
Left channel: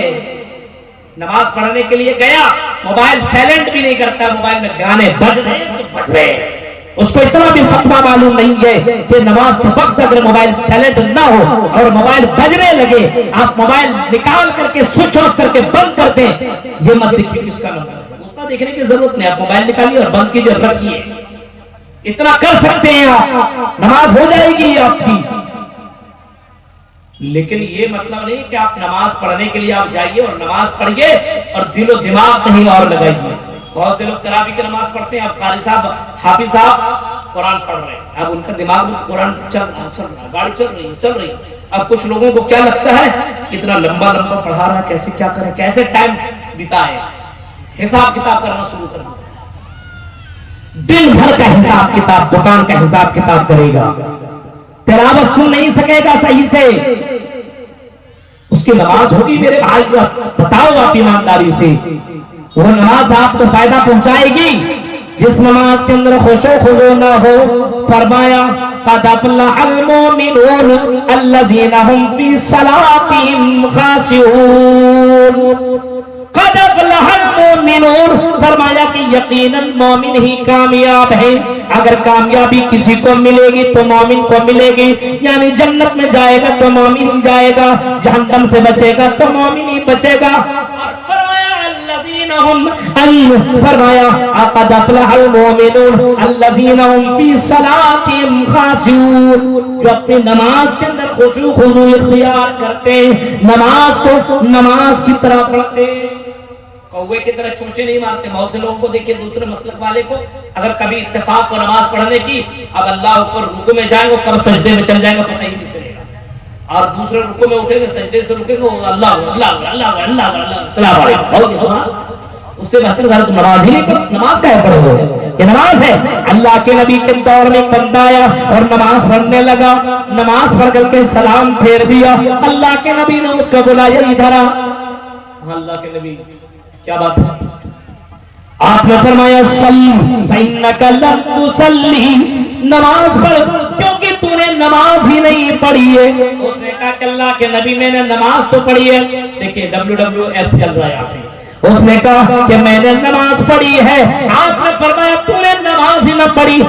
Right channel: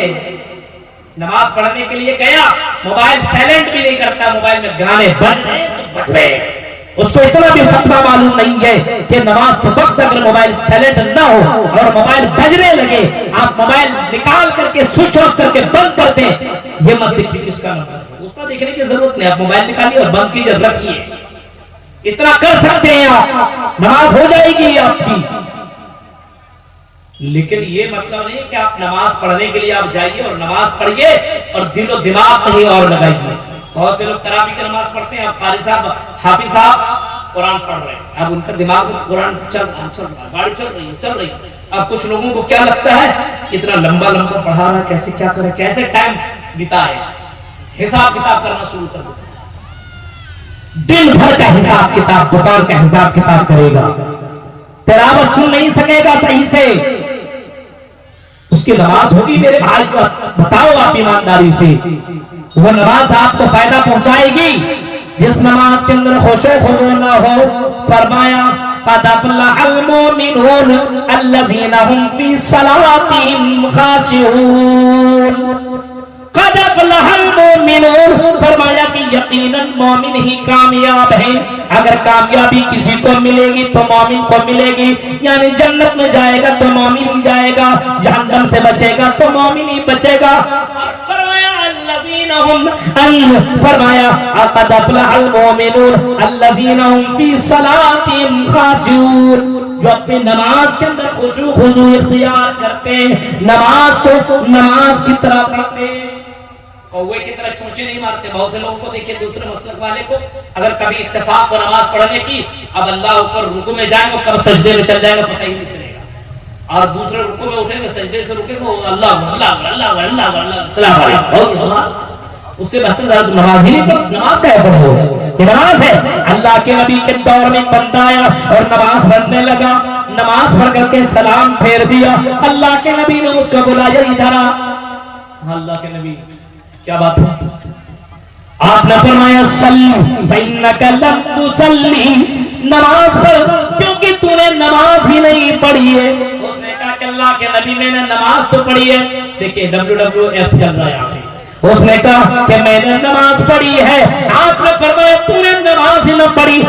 نماز پڑھنے کے لیے گیا، موبائل سائلنٹ بھی نہیں کرتا، موبائل میں گانے بج رہے تو بج رہے، اس کو اتنا بھی فتویٰ معلوم نہیں ہے کہ نماز کے وقت اگر موبائل سائلنٹ نہ ہو اور موبائل بجنے لگے آپ موبائل نکال کر کے سوئچ آف کر کے بند کر دیں، یہ مت دیکھیے کس کا نمبر ہے، اس پر دیکھنے کی ضرورت نہیں، آپ موبائل نکالیے اور بند کیجیے، رکھیے، اتنا کر سکتے ہیں آپ، نماز ہو جائے گی آپ کی۔ لیکن یہ مطلب نہیں کہ آپ نماز پڑھنے کے لیے آپ جائیے اور نماز پڑھیے اور دل و دماغ کہیں اور لگائیے، بہت سے لوگ تراویح کی نماز پڑھتے ہیں، اب قاری صاحب حافظ صاحب قرآن پڑھ رہے ہیں، اب ان کا دماغ میں قرآن چل رہا ہے، گاڑی چل رہی ہے۔ اب کچھ لوگوں کو کیا لگتا ہے اتنا لمبا پڑھا رہا ہے، کیسے کیا کرے، کیسے ٹائم بتائے، حساب کتاب کرنا شروع کر دیتا ہے، دن بھر کا حساب کتاب، دکان کا حساب کتاب کرے گا، تلاوت سن نہیں سکے گا صحیح سے، اس کی نماز ہوگی میرے بھائی کو بتاؤ آپ ایمانداری سے، وہ نماز آپ کو فائدہ پہنچائے گی جس نماز کے اندر خشوع خضوع نہ ہو؟ فرمایا قد افلح المؤمنون الذین هم فی صلاتهم خاشعون، قد افلح المؤمنون، فرمایا کہ یقیناً مومن ہی کامیاب ہے۔ اگر کامیابی کسی کو ملے گی تو مومن کو ملے گی، یعنی جنت میں جائے گا تو مومن ہی جائے گا، جہنم سے بچے گا تو مومن ہی بچے گا۔ اور فرمایا الذین هم، فرمایا قد افلح المؤمنون الذین هم فی صلاتهم خاشعون، جو اپنی نماز کے اندر خشوع خضوع اختیار کرتے ہیں، نماز کو نماز کی طرح پڑھتے ہیں، کوے کی طرح چونچے نہیں مارتے۔ بہت سے لوگوں کو دیکھیں دوسرے مسلک والے کو، اگر کبھی اتفاق ہو نماز پڑھنے کی، اب اللہ اوپر رکوع میں جائیں گے کب سجدے میں چل جائے گا پتہ ہی نہیں چلے گا، اور دوسرے رکوع میں اٹھیں گے سجدے سے رکیں گے اللہ اللہ اللہ اللہ اللہ السلام علیکم، اس سے بہتر زیادہ نماز ہی نہیں پڑھ، نماز کا ہے پڑھو، یہ نماز ہے۔ اللہ کے نبی کے دور میں ایک بندہ آیا اور نماز پڑھنے لگا، نماز پڑھ کر کے سلام پھیر دیا، اللہ کے نبی نے اس کو بلایا ادھر آ۔ اللہ کے نبی کیا بات ہے؟ آپ نے فرمایا صلی فإنک لم تصلی، نماز پڑھ کیونکہ تو نے نماز ہی نہیں پڑھی ہے۔ اس نے کہا کہ اللہ کے نبی میں نے نماز تو پڑھی ہے، دیکھیں WWF چل رہا ہے آخر، اس نے کہا کہ میں نے نماز پڑھی ہے، آپ نے فرمایا تو نے نماز ہی نہ پڑھی،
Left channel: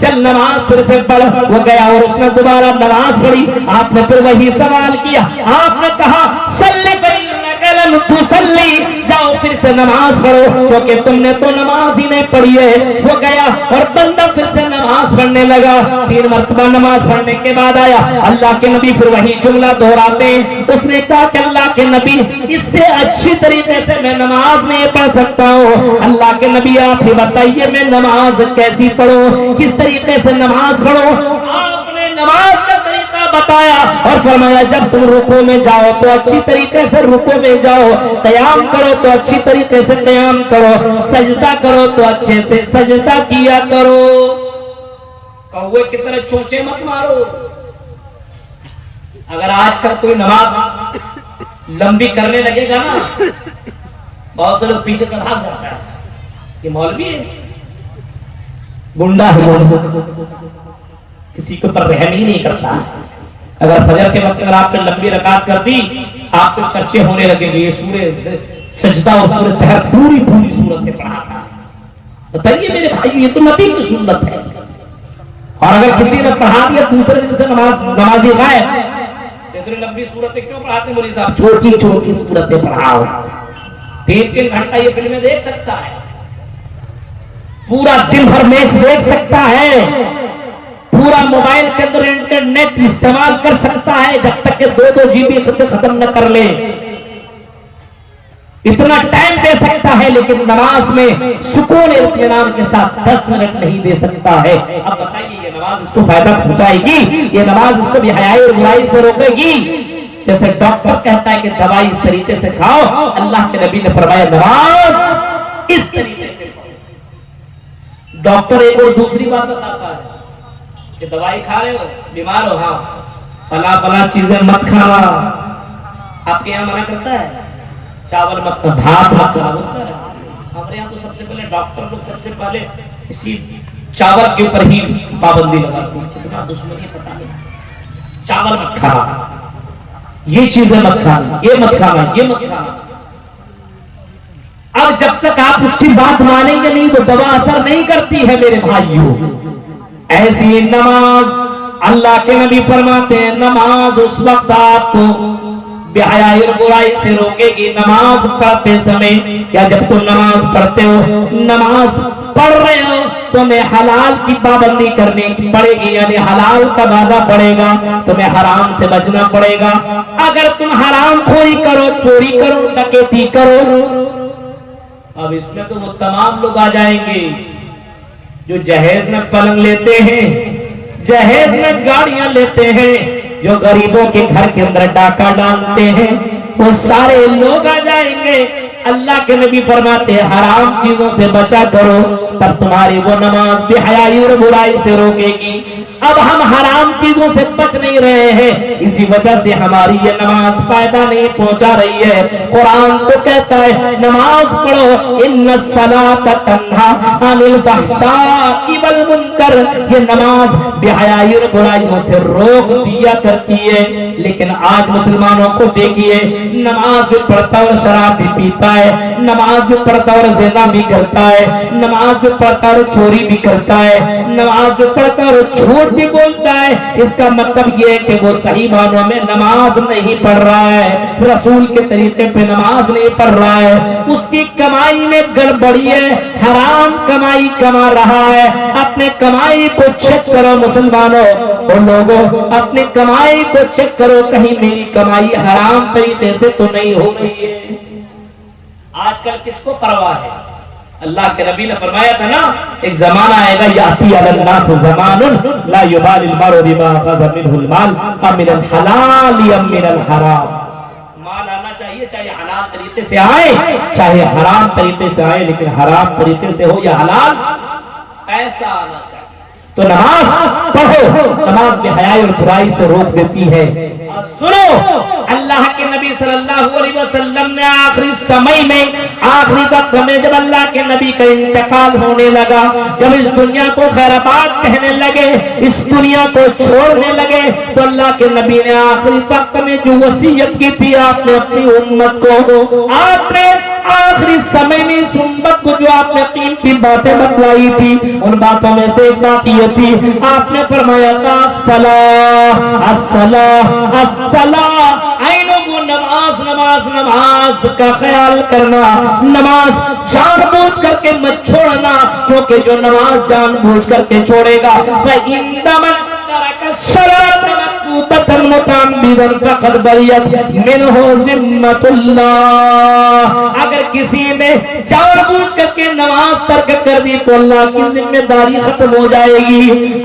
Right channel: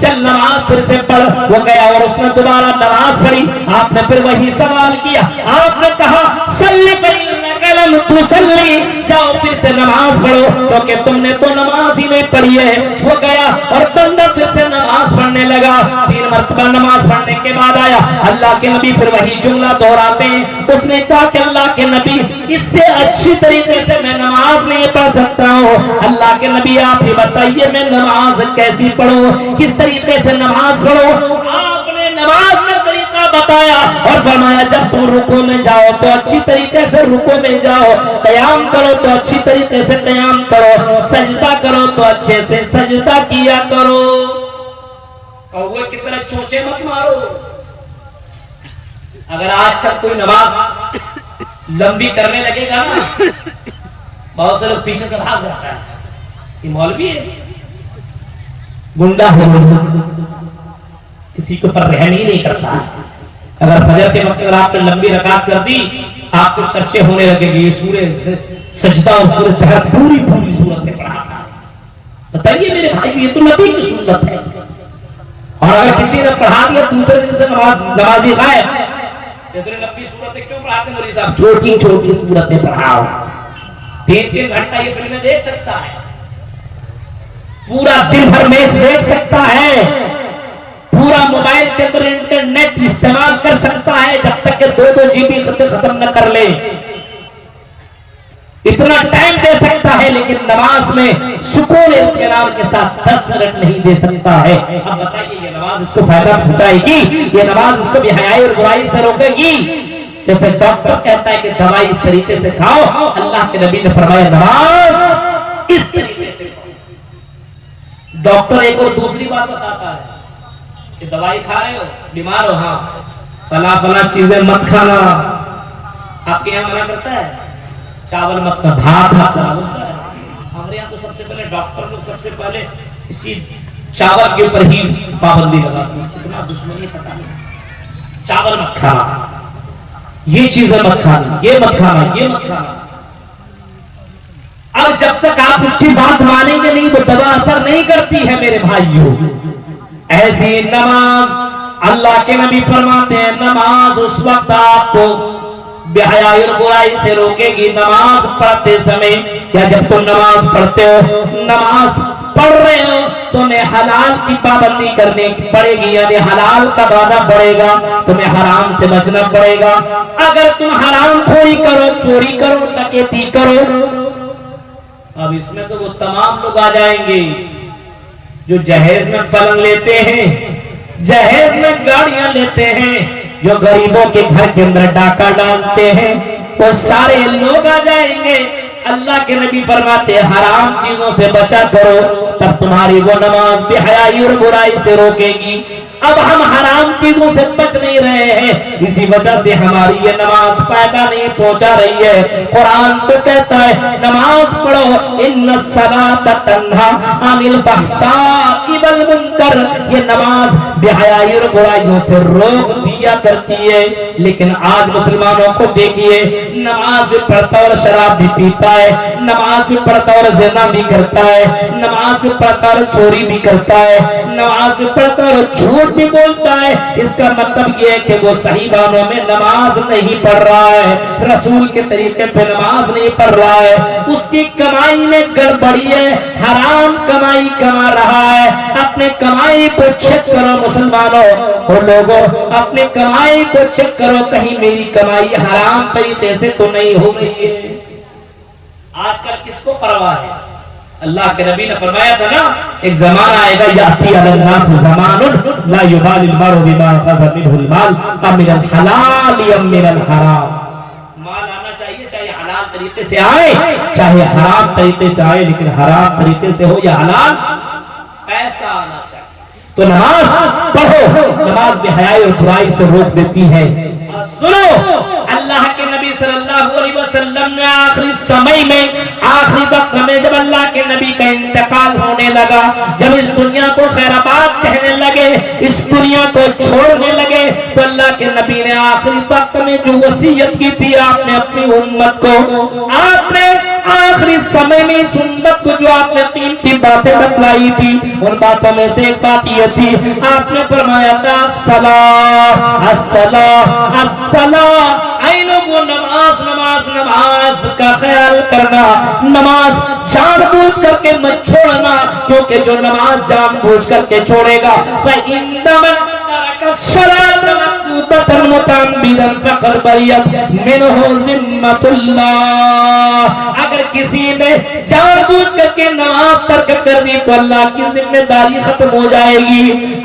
چل نماز پھر سے پڑھ۔ وہ گیا اور اس نے دوبارہ نماز پڑھی، آپ نے پھر وہی سوال کیا، آپ نے کہا صلی فإنک لم تصلی، جاؤ پھر سے نماز پڑھو کیونکہ تم نے تو نماز ہی نہیں پڑھی ہے۔ وہ گیا اور بندہ پھر سے نماز پڑھنے لگا، 3 مرتبہ نماز پڑھنے کے بعد آیا، اللہ کے نبی پھر وہی جملہ دہراتے ہیں، اس نے کہا کہ اللہ کے نبی اس سے اچھی طریقے سے میں نماز نہیں پڑھ سکتا ہوں، اللہ کے نبی آپ ہی بتائیے میں نماز کیسی پڑھوں، کس طریقے سے نماز پڑھوں؟ آپ نے نماز کا طریقہ بتایا اور فرمایا جب تم رکوع میں جاؤ تو اچھی طریقے سے رکوع میں جاؤ، قیام کرو تو اچھی طریقے سے قیام کرو، سجدہ کرو تو اچھے سے سجدہ کیا کرو، کوے کی طرح چونچے مت مارو۔ اگر آج کل کوئی نماز لمبی کرنے لگے گا نا، بہت سے لوگ پیچھے سے بھاگ جاتا ہے، یہ مولوی ہے، گنڈا ہے، کسی کے اوپر رحم ہی نہیں کرتا۔ اگر فجر کے وقت اگر آپ نے لمبی رکعت کر دی، آپ کے چرچے ہونے لگے گے، یہ سورہ سجدہ اور سورہ طہر پوری سورتیں پڑھاتا ہے۔ بتائیے میرے بھائیو یہ تو نبی کی سنت ہے، اور اگر کسی نے پڑھا دیا دوسرے دن سے نمازی غائب، اتنی لمبی سورتیں کیوں پڑھاتے ہیں مولوی صاحب؟ چھوٹی سورتیں پڑھاؤ، 3 گھنٹہ یہ فلمیں دیکھ سکتا ہے، پورا دن بھر میچ دیکھ سکتا ہے، پورا موبائل کے اندر انٹرنیٹ استعمال کر سکتا ہے، جب تک کہ 2 GB ختم نہ کر لے، اتنا ٹائم دے سکتا ہے، لیکن نماز میں سکون اطمینان کے ساتھ 10 منٹ نہیں دے سکتا ہے۔ اب بتائیے یہ نماز اس کو فائدہ پہنچائے گی؟ یہ نماز اس کو بے حیائی اور برائی سے روکے گی؟ جیسے ڈاکٹر کہتا ہے کہ دوائی اس طریقے سے کھاؤ، اللہ کے نبی نے فرمایا نماز اس طریقے سے کھاؤ۔ ڈاکٹر ایک اور دوسری بات بتاتا ہے کہ دوائی کھا رہے ہو، بیمار ہو، ہاں فلاں چیزیں مت کھانا، آپ کے یہاں منع کرتا ہے، چاول مت کھانا، بھات مت کھانا بولتا ہے۔ ہمارے یہاں تو سب سے پہلے ڈاکٹر لوگ سب سے پہلے اسی چاول کے اوپر ہی پابندی لگاتی ہے، کتنا دشمنی پتہ نہیں، چاول مت کھانا، یہ چیزیں مت کھانا، یہ مت کھانا، یہ مت کھانا۔ اب جب تک آپ اس کی بات مانیں گے نہیں وہ دوا اثر نہیں کرتی ہے میرے بھائیوں۔ ایسی نماز اللہ کے نبی فرماتے ہیں نماز اس وقت آپ کو بے حیائی اور برائی سے روکے گی، نماز پڑھتے سمے، یا جب تم نماز پڑھتے ہو، نماز پڑھ رہے ہو تمہیں حلال کی پابندی کرنے پڑے گی، یعنی حلال کا وعدہ پڑے گا، تمہیں حرام سے بچنا پڑے گا۔ اگر تم حرام خوری کرو، چوری کرو، ڈکیتی کرو، اب اس میں تو وہ تمام لوگ آ جائیں گے جو جہیز میں پلنگ لیتے ہیں، جہیز میں گاڑیاں لیتے ہیں، جو غریبوں کے گھر کے اندر ڈاکہ ڈالتے ہیں، وہ سارے لوگ آ جائیں گے۔ اللہ کے نبی فرماتے ہیں حرام چیزوں سے بچا کرو، تب تمہاری وہ نماز بے حیائی اور برائی سے روکے گی۔ اب ہم حرام چیزوں سے بچ نہیں رہے ہیں، اسی وجہ سے ہماری یہ نماز فائدہ نہیں پہنچا رہی ہے۔ قرآن تو کہتا ہے نماز پڑھو، ان الصلاۃ تنہی عن الفحشاء والمنکر، یہ نماز بے حیائی اور برائیوں سے روک دیا کرتی ہے۔ لیکن آج مسلمانوں کو دیکھیے، نماز بھی پڑھتا اور شراب بھی پیتا ہے، نماز بھی پڑھتا اور زنا بھی کرتا ہے، نماز بھی پڑھتا اور چوری بھی کرتا ہے، نماز بھی پڑھتا اور جھوٹ بھی بولتا ہے۔ اس کا مطلب یہ ہے کہ وہ صحیح معنوں میں نماز نہیں پڑھ رہا ہے، رسول کے طریقے پہ نماز نہیں پڑھ رہا ہے، اس کی کمائی میں گڑبڑی ہے، حرام کمائی کما رہا ہے۔ اپنے کمائی کو چیک کرو مسلمانوں اور لوگوں، اپنے کمائی کو چیک کرو، کہیں میری کمائی حرام طریقے سے تو نہیں ہو گئی ہے۔ آج کل کس کو پرواہ ہے؟ اللہ کے نبی نے فرمایا تھا نا، ایک زمانہ آئے گا یاتی علی الناس زمان لا یبالی المرء بما اخذ منه المال من الحلال ام من الحرام۔ مال آنا چاہیے، چاہے حلال طریقے سے آئے چاہے حرام طریقے سے آئے، لیکن حرام طریقے سے ہو یا حلال، ایسا آنا چاہیے۔ تو نماز پڑھو، نماز بے حیائی اور برائی سے روک دیتی ہے۔ اور سنو، اللہ کے نبی صلی اللہ علیہ وسلم نے آخری سمے میں، آخری وقت میں جب اللہ کے نبی کا انتقال ہونے لگا، جب اس دنیا کو خیر آباد کہنے لگے، اس دنیا کو چھوڑنے لگے، تو اللہ کے نبی نے آخری وقت میں جو وصیت کی تھی آپ نے اپنی امت کو، آپ نے آخری سمے میں اس امت کو جو آپ نے قیمتی باتیں بتلائی تھی، ان باتوں میں سے ایک بات یہ تھی، آپ نے فرمایا تھا الصلاۃ الصلاۃ الصلاۃ، اے لوگوں نماز نماز نماز کا خیال کرنا، نماز جان بوجھ کر کے مت چھوڑنا، کیونکہ جو نماز جان بوجھ کر کے چھوڑے گا فَإِنَّ مَن تَرَكَ الصَّلَاةَ مَكْتُوبَةً مُتَعَمِّدًا فَقَدْ بَرِئَتْ مِنْهُ ذِمَّةُ اللَّهِ، اگر کسی نے جان بوجھ کر کے نماز ترک کر دی تو اللہ کی ذمہ داری ختم ہو جائے گی،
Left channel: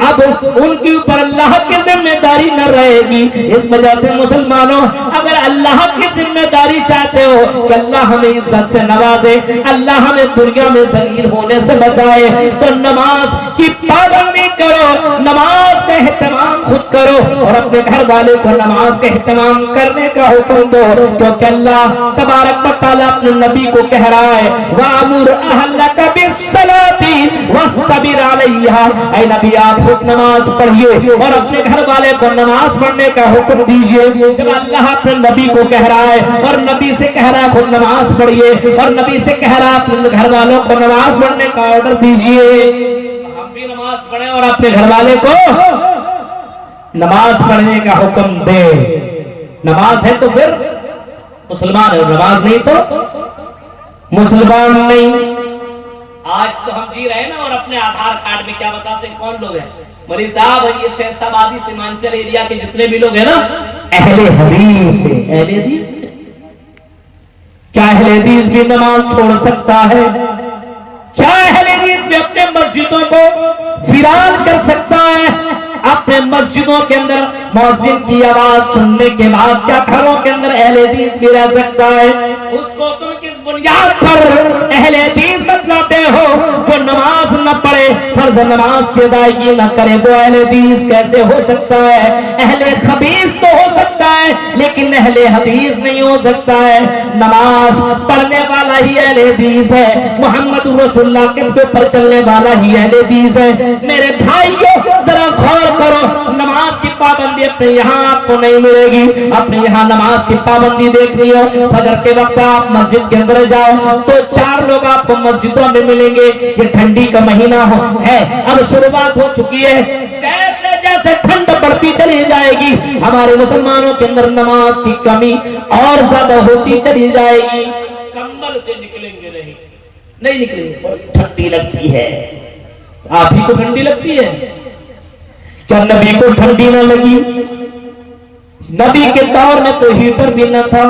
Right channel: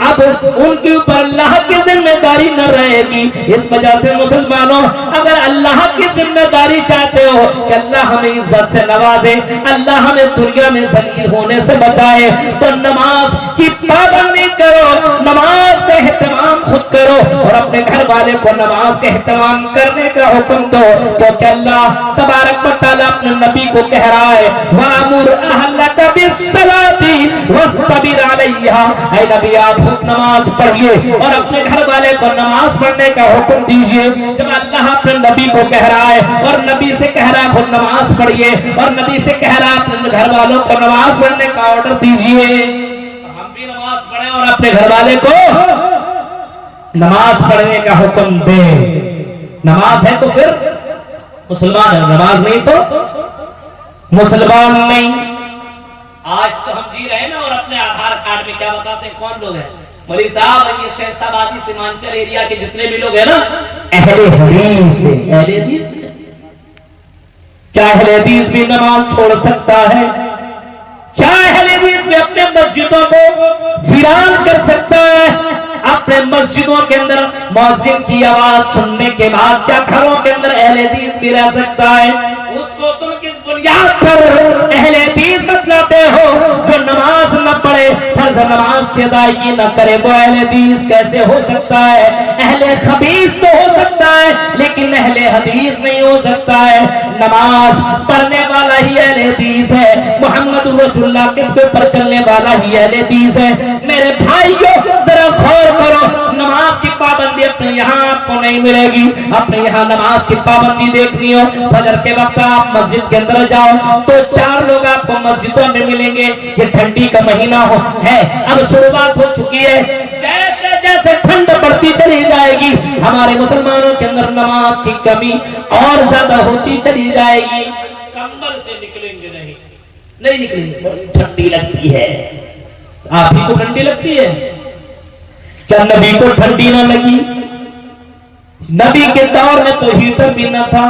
اب ان کے اوپر اللہ کی ذمہ داری نہ رہے گی۔ اس وجہ سے مسلمانوں، اگر اللہ کی ذمہ داری چاہتے ہو کہ اللہ ہمیں عزت سے نوازے، اللہ ہمیں دنیا میں ذلیل ہونے سے بچائے، تو نماز کی پابندی کرو، نماز کا اہتمام خود کرو اور اپنے گھر والے کو نماز کا اہتمام کرنے کا حکم دو، کیونکہ اللہ تبارک و تعالیٰ اپنے نبی کو کہہ رہا ہے وَأَمُرْ أَهْلَكَ بِالصَّلَاةِ وَاسْتَبِرْ عَلَيْهَا، اے نبی آپ خود نماز پڑھیے اور اپنے گھر والے کو نماز پڑھنے کا حکم دیجئے۔ جب اللہ اپنے نبی کو کہہ رہا ہے اور نبی سے کہہ رہا ہے خود نماز پڑھیے اور نبی سے کہہ رہا ہے اپنے گھر والوں کو نماز پڑھنے کا آرڈر دیجئے، ہم بھی نماز پڑھیں اور اپنے گھر والے کو نماز پڑھنے کا حکم دے۔ نماز ہے تو پھر مسلمان ہے، نماز نہیں تو مسلمان نہیں۔ آج تو ہم جی رہے ہیں نا، اور اپنے آدھار کارڈ میں کیا بتاتے ہیں کون لوگ ہیں؟ مولوی صاحب یہ شیخ آبادی سیمانچل ایریا کے جتنے بھی لوگ ہیں نا، اہل حدیث ہیں۔ اہل حدیث ہیں، کیا اہل حدیث بھی نماز چھوڑ سکتا ہے؟ کیا اہل حدیث بھی اپنے مسجدوں کو ویران کر سکتا ہے؟ اپنے مسجدوں کے اندر مؤذن کی آواز سننے کے بعد کیا گھروں کے اندر اہل حدیث بھی رہ سکتا ہے؟ اس کو تم کس بنیاد پر اہل حدیث بتلاتے ہو؟ جو نماز نہ پڑھے، فرض نماز کی ادائیگی نہ کرے، وہ اہل حدیث کیسے ہو سکتا ہے؟ اہل خبیث تو ہو سکتا ہے لیکن اہل حدیث نہیں ہو سکتا ہے۔ نماز پڑھنے والا ہی اہل حدیث ہے، محمد رسول اللہ کے اوپر چلنے والا ہی اہل حدیث ہے۔ میرے بھائیوں ذرا غور کرو، نماز کی پابندی اپنے یہاں آپ کو نہیں ملے گی۔ اپنے یہاں نماز کی پابندی دیکھنی ہو، فجر کے وقت آپ مسجد کے اندر جاؤ تو 4 لوگ آپ کو مسجدوں میں ملیں گے۔ یہ ٹھنڈی کا مہینہ ہے، اب شروعات ہو چکی ہے، جیسے جیسے ٹھنڈ بڑھتی چلی جائے گی ہمارے مسلمانوں کے اندر نماز کی کمی اور زیادہ ہوتی چلی جائے گی۔ کمبل سے نکلیں گے نہیں نکلیں گے، بڑی ٹھنڈی لگتی ہے۔ آپ ہی کو ٹھنڈی لگتی ہے کیا نبی کو ٹھنڈی نہ لگی؟ نبی کے دور میں تو ہیٹر بھی نہ تھا،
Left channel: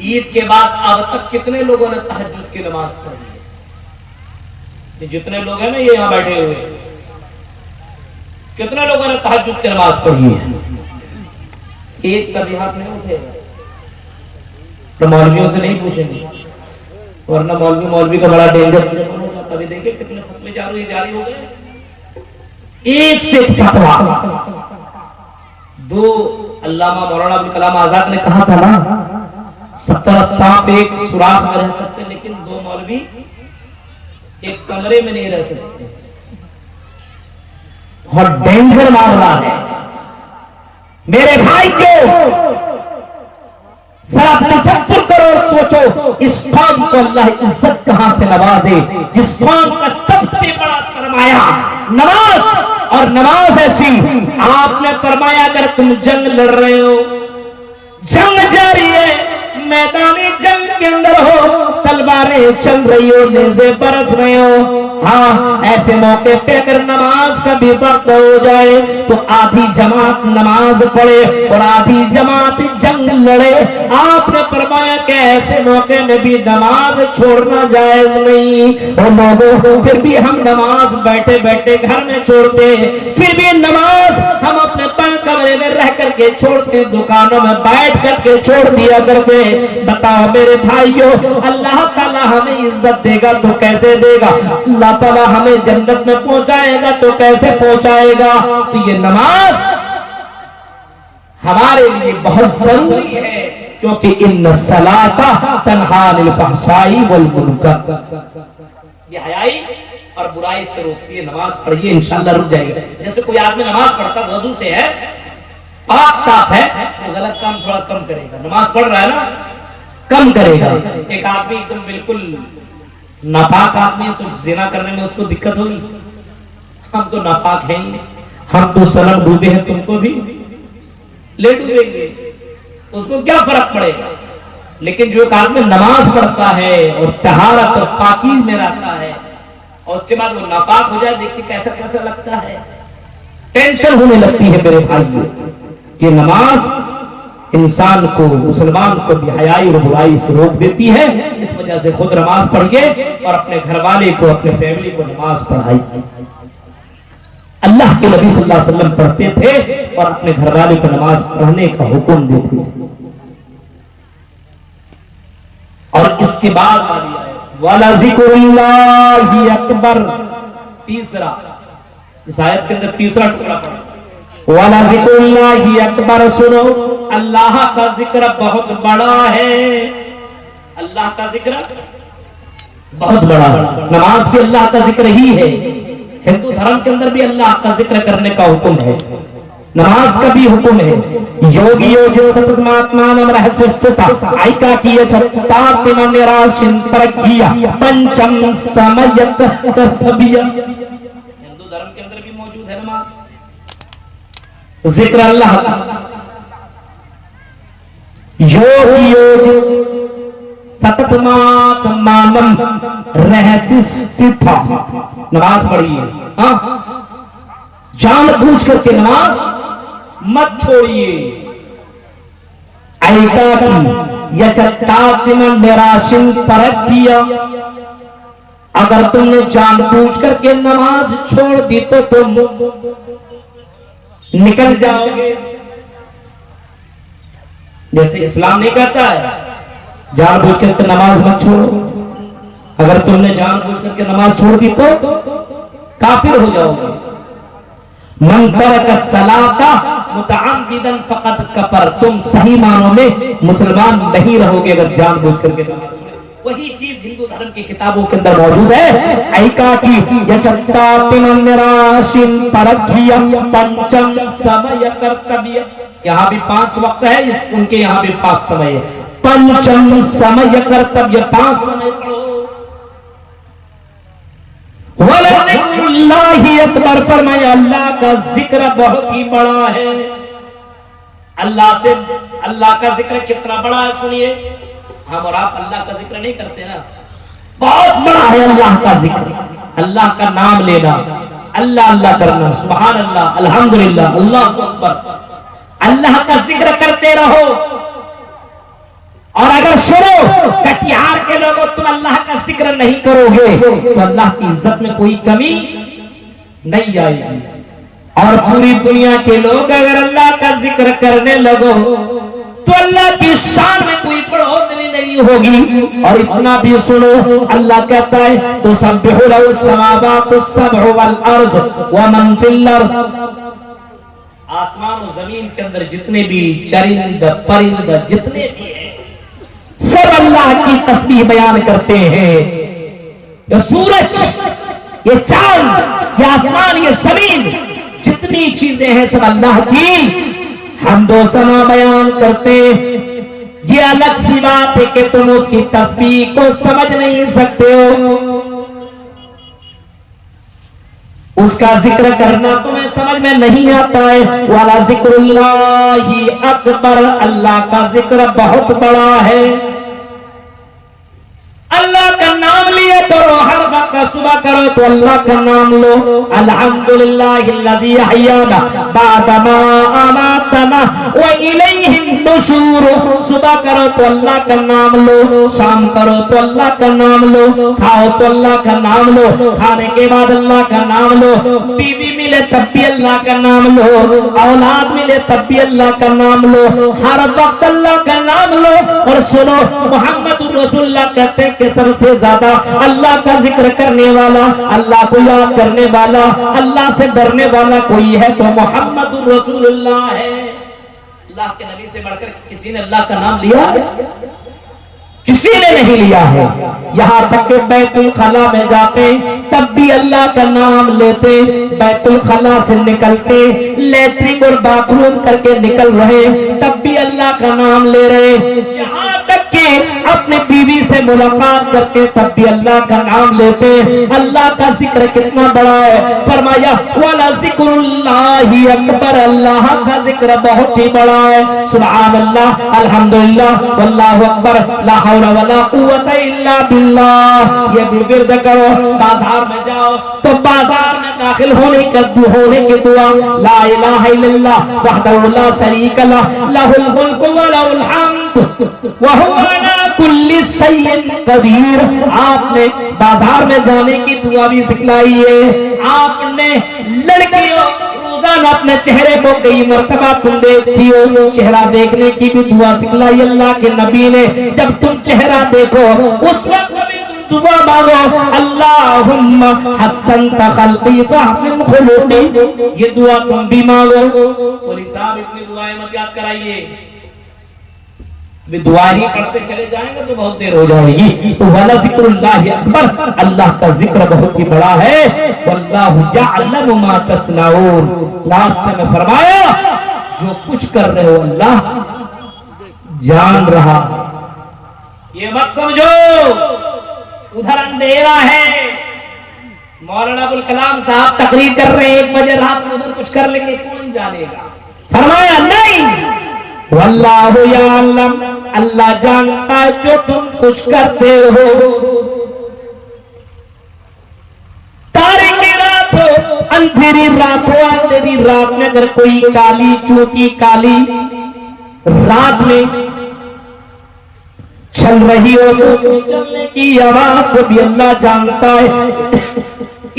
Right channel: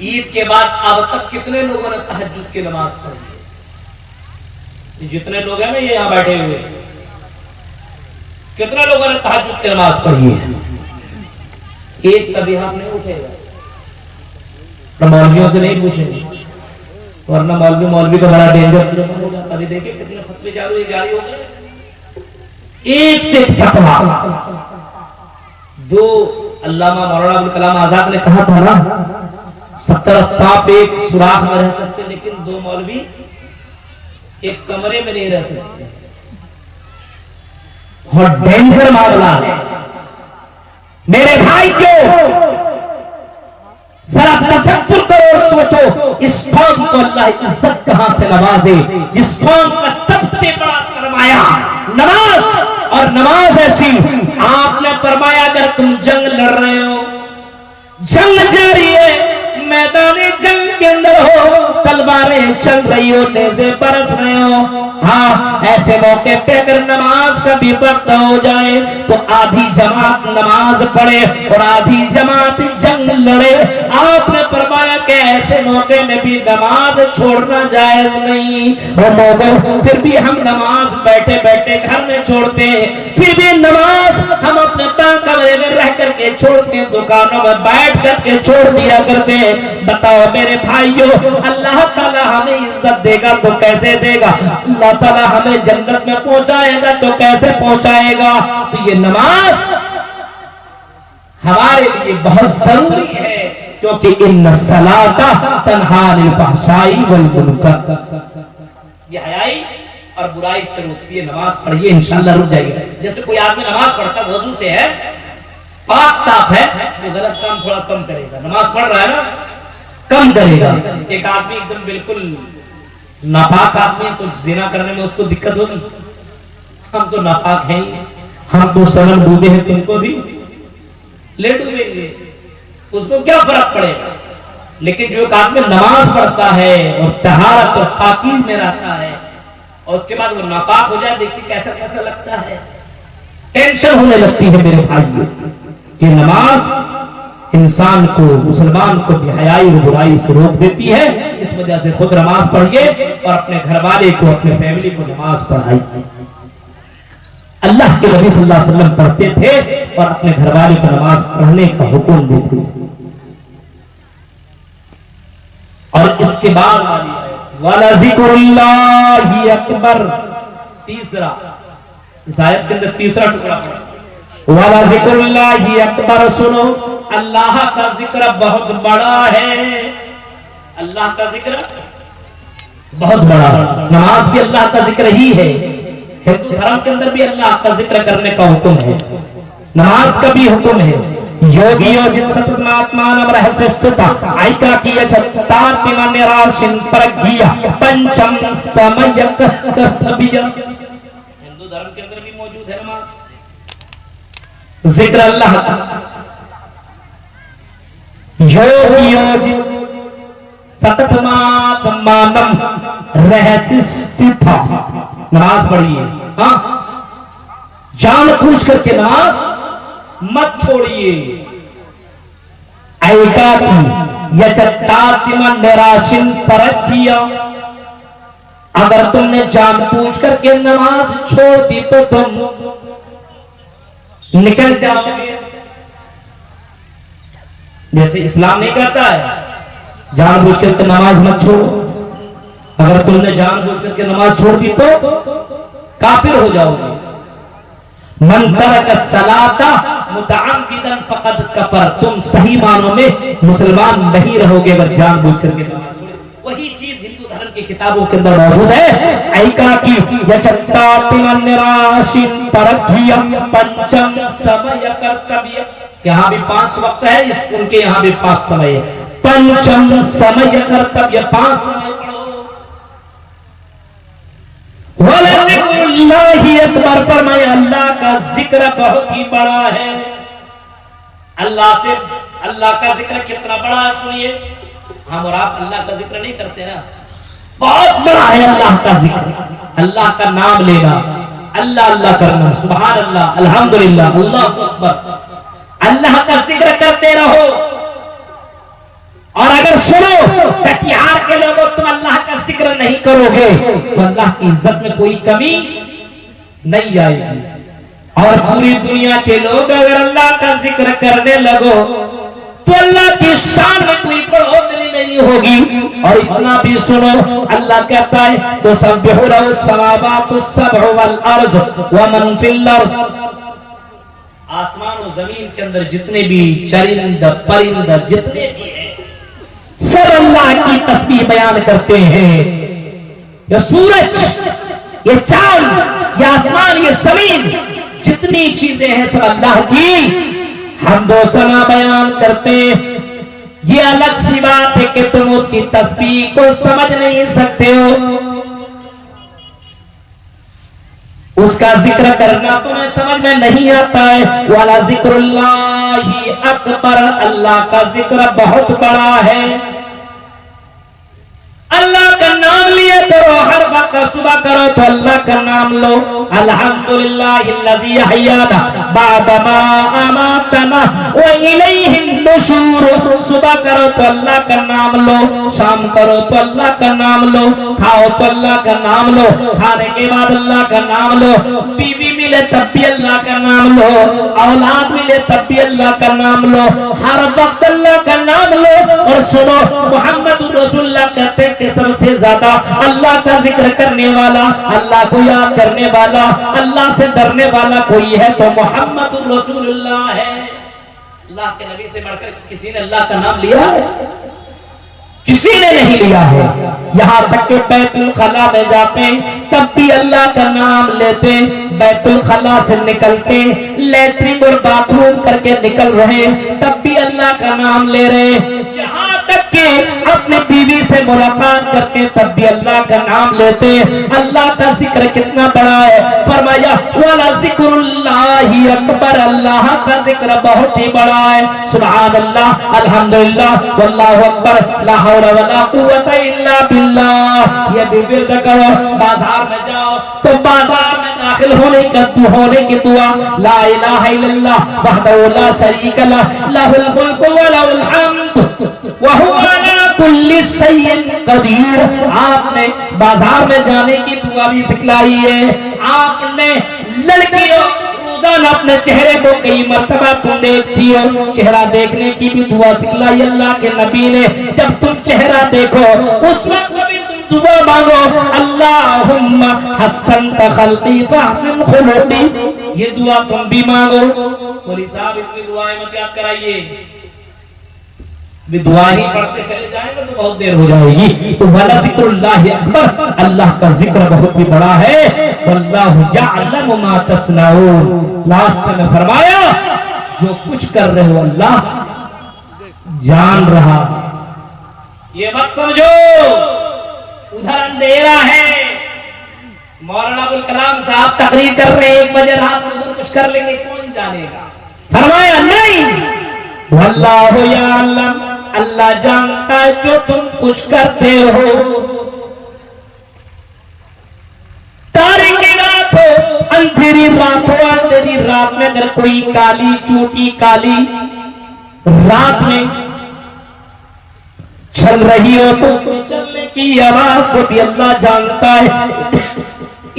عید کے بعد اب تک کتنے لوگوں نے تہجد کی نماز پڑھی ہے؟ یہ جتنے لوگ ہیں نا یہ یہاں بیٹھے ہوئے، کتنے لوگوں نے تہجد کی نماز پڑھی ہے؟ ایک کبھی ہاتھ نہیں اٹھے گا، مولویوں سے نہیں پوچھیں گے، ورنہ مولوی کا بڑا ڈینجر دشمن ہوگا۔ ابھی دیکھیں کتنے فتوے جاری ہو گئے، ایک سے فتوا دو۔ علامہ مولانا ابوالکلام آزاد نے کہا تھا نا 70 سانپ ایک سوراخ میں رہ سکتے، لیکن 2 مولوی ایک کمرے میں نہیں رہ سکتے۔ اور ڈینجر معاملہ ہے میرے بھائی کو، ذرا تصور کرو، سوچو اس قوم کو اللہ عزت کہاں سے نوازے، جس قوم کا سب سے بڑا سرمایہ نماز، اور نماز ایسی آپ نے فرمایا اگر تم جنگ لڑ رہے ہو، جنگ جاری ہے، میدانی جنگ کے اندر ہو، تلواریں چل رہی ہو، نیزے برس رہے ہو، ہاں ایسے موقع پہ اگر نماز کا بھی وقت ہو جائے تو آدھی جماعت نماز پڑھے اور آدھی جماعت جنگ لڑے۔ آپ نے فرمایا کہ ایسے موقع میں بھی نماز چھوڑنا جائز نہیں۔ اور لوگوں پھر بھی ہم نماز بیٹھے بیٹھے گھر میں چھوڑتے ہیں، پھر بھی نماز ہم اپنے کمرے میں رہ کر کے چھوڑتے، دکانوں میں بیٹھ کر کے چھوڑ دیا کرتے۔ بتاؤ میرے بھائیو، اللہ تعالیٰ ہمیں عزت دے گا تو کیسے دے گا؟ اللہ تعالیٰ ہمیں جنت میں پہنچائے گا تو کیسے پہنچائے گا؟ تو یہ نماز ہمارے لیے بہت ضروری ہے، کیونکہ ان الصلاۃ تنہی عن الفحشاء والمنکر، یہ حیائی اور برائی سے روکتی ہے۔ نماز پڑھیے انشاءاللہ رک جائے گا۔ جیسے کوئی آدمی نماز پڑھتا وضو سے ہے، پاک صاف ہے، وہ غلط کام تھوڑا کم کرے گا۔ نماز پڑھ رہا ہے نا، کم کرے گا۔ ایک آدمی ایک دم بالکل ناپاک آدمی ہے تو زنا کرنے میں اس کو دقت ہوگی؟ ہم تو ناپاک ہیں ہی، ہم تو صنم ڈوبے ہیں، تم کو بھی لے ڈوبیں گے، اس کو کیا فرق پڑے گا؟ لیکن جو ایک آدمی نماز پڑھتا ہے اور طہارت اور پاکیز میں رہتا ہے اور اس کے بعد وہ ناپاک ہو جائے، دیکھیے کیسا کیسا لگتا ہے، ٹینشن ہونے لگتی ہے میرے بھائیو۔ یہ نماز انسان کو، مسلمان کو بے حیائی اور برائی سے روک دیتی ہے، اس وجہ سے خود نماز پڑھیے اور اپنے گھر والے کو، اپنے فیملی کو نماز پڑھائیے۔ اللہ کے نبی صلی اللہ علیہ وسلم پڑھتے تھے اور اپنے گھر والے کو نماز پڑھنے کا حکم دیتے تھے۔ اور اس کے بعد وَلَذِكْرُ اللَّهِ أَكْبَرُ، تیسرا، اس آیت کے اندر تیسرا ٹکڑا پڑھا، وَلَذِكْرُ اللَّهِ أَكْبَرُ، سنو اللہ کا ذکر بہت بڑا ہے، اللہ کا ذکر بہت بڑا۔ نماز بھی اللہ کا ذکر ہی ہے، ہندو دھرم کے اندر بھی اللہ کا ذکر کرنے کا حکم ہے، نماز کا بھی حکم ہے۔ یوگیو جن ستتماتمانم رہسستتا ایکا کیا چھتاتم نراشن پرگیا پنچم سمیت کرتبیا۔ ہندو دھرم کے اندر بھی موجود ہے نماز، ذکر اللہ کا۔ یوگیو جن ستتماتمانم رہسستتا، نماز پڑھیے، جان بوجھ کر کے نماز مت چھوڑیے۔ ایکا کی یچتاتم نراشن پرگیا، اگر تم نے جان بوجھ کر کے نماز چھوڑ دی تو تم نکل جاؤ گے۔ جیسے اسلام نہیں کہتا ہے جان بوجھ کر کے نماز مت چھوڑو، اگر تم نے جان بوجھ کر کے نماز چھوڑ دی تو کافر ہو جاؤ گے۔ من ترک الصلاۃ متعمدا فقد کفر، تم صحیح معنوں میں مسلمان نہیں رہو گے اگر جان بوجھ کر کے نماز چھوڑے۔ وہی چیز ہندو دھرم کی کتابوں کے اندر موجود ہے، ایکا کی یچتاتم نراشن پرگیا پنچم سمے کرتبیا، یہاں بھی 5 وقت ہے، ان کے یہاں بھی 5 سمے ہے۔ پنچم سمے کرتبیا، 5 سمے پڑھو۔ وَلَذِكْرُ اللَّهِ أَكْبَرُ، فرمایا اللہ کا ذکر بہت ہی بڑا ہے۔ اللہ کا ذکر کتنا بڑا ہے سنیے، ہم اور آپ اللہ کا ذکر نہیں کرتے نا، بہت بڑا ہے اللہ کا ذکر، اللہ کا نام لینا، اللہ اللہ کرنا، سبحان اللہ، الحمدللہ، اللہ اکبر، اللہ کا ذکر کرتے رہو۔ اور اگر سنو کٹیہار کے لوگوں تم اللہ کا ذکر نہیں کرو گے تو اللہ کی عزت میں کوئی کمی نہیں آئے گی، اور پوری دنیا کے لوگ اگر اللہ کا ذکر کرنے لگو تو اللہ کی شان میں کوئی بڑھوتری نہیں ہوگی۔ اور اتنا بھی سنو اللہ کہتا ہے تسبح لہ السماوات السبع والارض ومن فی الارض، آسمان و زمین کے اندر جتنے بھی چرند پرند جتنے بھی ہیں سب اللہ کی تسبیح بیان کرتے ہیں۔ یہ سورج، یہ چاند، یہ آسمان، یہ زمین، جتنی چیزیں ہیں سب اللہ کی حمد و ثنا بیان کرتے ہیں۔ یہ الگ سی بات ہے کہ تم اس کی تسبیح کو سمجھ نہیں سکتے ہو، اس کا ذکر کرنا تمہیں سمجھ میں نہیں آتا ہے۔ وَلَا ذِكْرُ اللَّهِ أَكْبَرُ، اللہ کا ذکر بہت بڑا ہے۔ اللہ کا نام لیا کرو، ہر وقت صبح کرو تو اللہ کا نام لو، الحمدللہ الذی احیانا بعد ما اماتنا وإلیہ النشور، صبح کرو تو اللہ کا نام لو، شام کرو تو اللہ کا نام لو، کھاؤ تو اللہ کا نام لو، کھانے کے بعد اللہ کا نام لو، بیوی ملے تب بھی اللہ کا نام لو، اولاد ملے تب بھی اللہ کا نام لو، ہر وقت اللہ کا نام لو۔ اور سنو محمد رسول اللہ کہتے ہیں کہ سب سے زیادہ اللہ کا ذکر کرنے والا، اللہ کو یاد کرنے والا، اللہ سے ڈرنے والا کوئی ہے تو محمد رسول اللہ ہے۔ اللہ کے نبی سے بڑھ کر کسی نے اللہ کا نام لیا ہے؟ کسی نے نہیں لیا ہے۔ یہاں تک کہ بیت الخلا میں جاتے تب بھی اللہ کا نام لیتے، بیت الخلا سے نکلتے لیٹرنگ اور باتھ روم کر کے نکل رہے تب بھی اللہ کا نام لے رہے، یہاں تک کہ اپنے بیوی سے ملاقات کرتے تب بھی اللہ کا نام لیتے۔ اللہ کا ذکر کتنا بڑا ہے، فرمایا وَلَذِكْرُ اللَّهِ أَكْبَرُ، اللہ کا ذکر بہت ہی بڑا ہے۔ سبحان اللہ، الحمدللہ، واللہ اکبر، لا حول ولا قوت الا باللہ، یہ بھی ورد کرو۔ بازار میں جاؤ تو بازار میں داخل ہونے کی دعا، لا الہ الا اللہ وحدہ لا شریک لہ، لہ الملک ولہ الحمد وہو علی کل شیء قدیر۔ آپ نے بازار میں جانے کی دعا بھی سکھلائی ہے۔ آپ نے لڑکیوں روزانہ اپنے چہرے کو کئی مرتبہ تم دیکھتی ہو، چہرہ دیکھنے کی بھی دعا سکھلائی اللہ کے نبی نے۔ جب تم چہرہ دیکھو اس وقت بھی تم دعا مانگو، اللہم حسنت خلقی فاحسن خلقی، یہ دعا تم بھی مانگو۔ قولی صاحب اتنی دعائیں مت یاد کرائیے، بھی دعا ہی پڑھتے چلے جائیں گے تو بہت دیر ہو جائے گی۔ تو وَلَا ذِكْرُ اللَّهِ أَكْبَرُ، اللہ کا ذکر بہت ہی بڑا ہے۔ وَاللَّهُ يَعْلَمُ مَا تَصْنَعُونَ، لاسٹ میں فرمایا جو کچھ کر رہے ہو اللہ جان رہا۔ یہ مت سمجھو ادھر اندھیرا ہے، مولانا ابوالکلام صاحب تقریر کر رہے ہیں 1 بجے رات میں، ادھر کچھ کر لیں گے کون جانے گا۔ فرمایا نہیں، واللہ یعلم، اللہ جانتا ہے جو تم کچھ کرتے ہو۔ تاریکی رات ہو، اندھیری رات ہو، اندھیری رات میں اگر کوئی کالی چونکی کالی رات میں چل رہی ہو تو چلنے کی آواز کو بھی اللہ جانتا ہے۔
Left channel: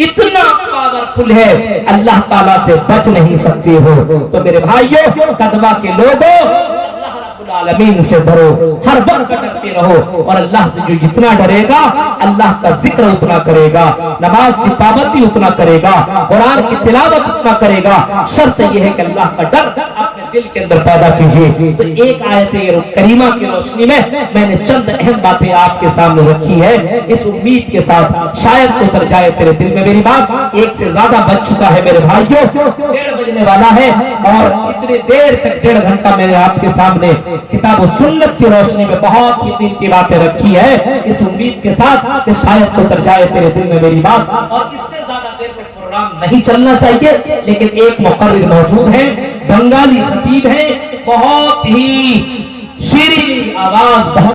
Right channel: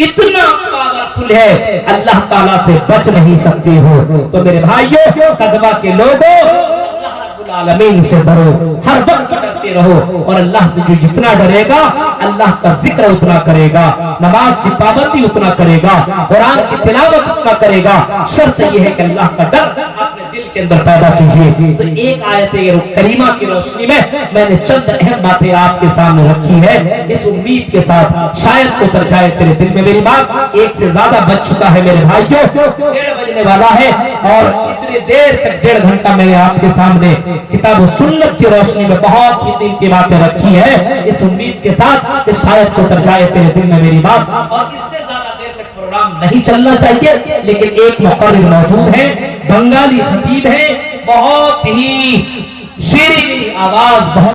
اتنا پاورفل ہے، اللہ تعالیٰ سے بچ نہیں سکتے ہو۔ تو میرے بھائیوں، قدوہ کے لوگوں، اللہ رب العالمین سے ڈرو، ہر وقت ڈرتے رہو، اور اللہ سے جو جتنا ڈرے گا اللہ کا ذکر اتنا کرے گا، نماز کی پابندی اتنا کرے گا، قرآن کی تلاوت اتنا کرے گا۔ شرط یہ ہے کہ اللہ کا ڈر اپنے دل کے اندر پیدا کیجیے۔ تو ایک آیت کریمہ کی روشنی میں نے چند اہم باتیں آپ کے سامنے رکھی ہے، اس امید کے ساتھ شاید اتر جائے تیرے دل میں میری بات۔ 1 سے زیادہ بج چکا ہے میرے بھائیوں، 1:30 بجنے والا ہے، اور اتنی دیر تک 1.5 گھنٹہ میں نے آپ کے سامنے کتاب و سنت کی روشنی میں بہت ہی دن کی باتیں رکھی ہے، اس امید کے ساتھ کہ شاید اتر جائے تیرے دل میں میری بات۔ اور اس سے زیادہ دیر تک پروگرام نہیں چلنا چاہیے، لیکن ایک مقرر موجود ہے، بنگالی خطیب ہے، بہت ہی شیریں آواز، بہت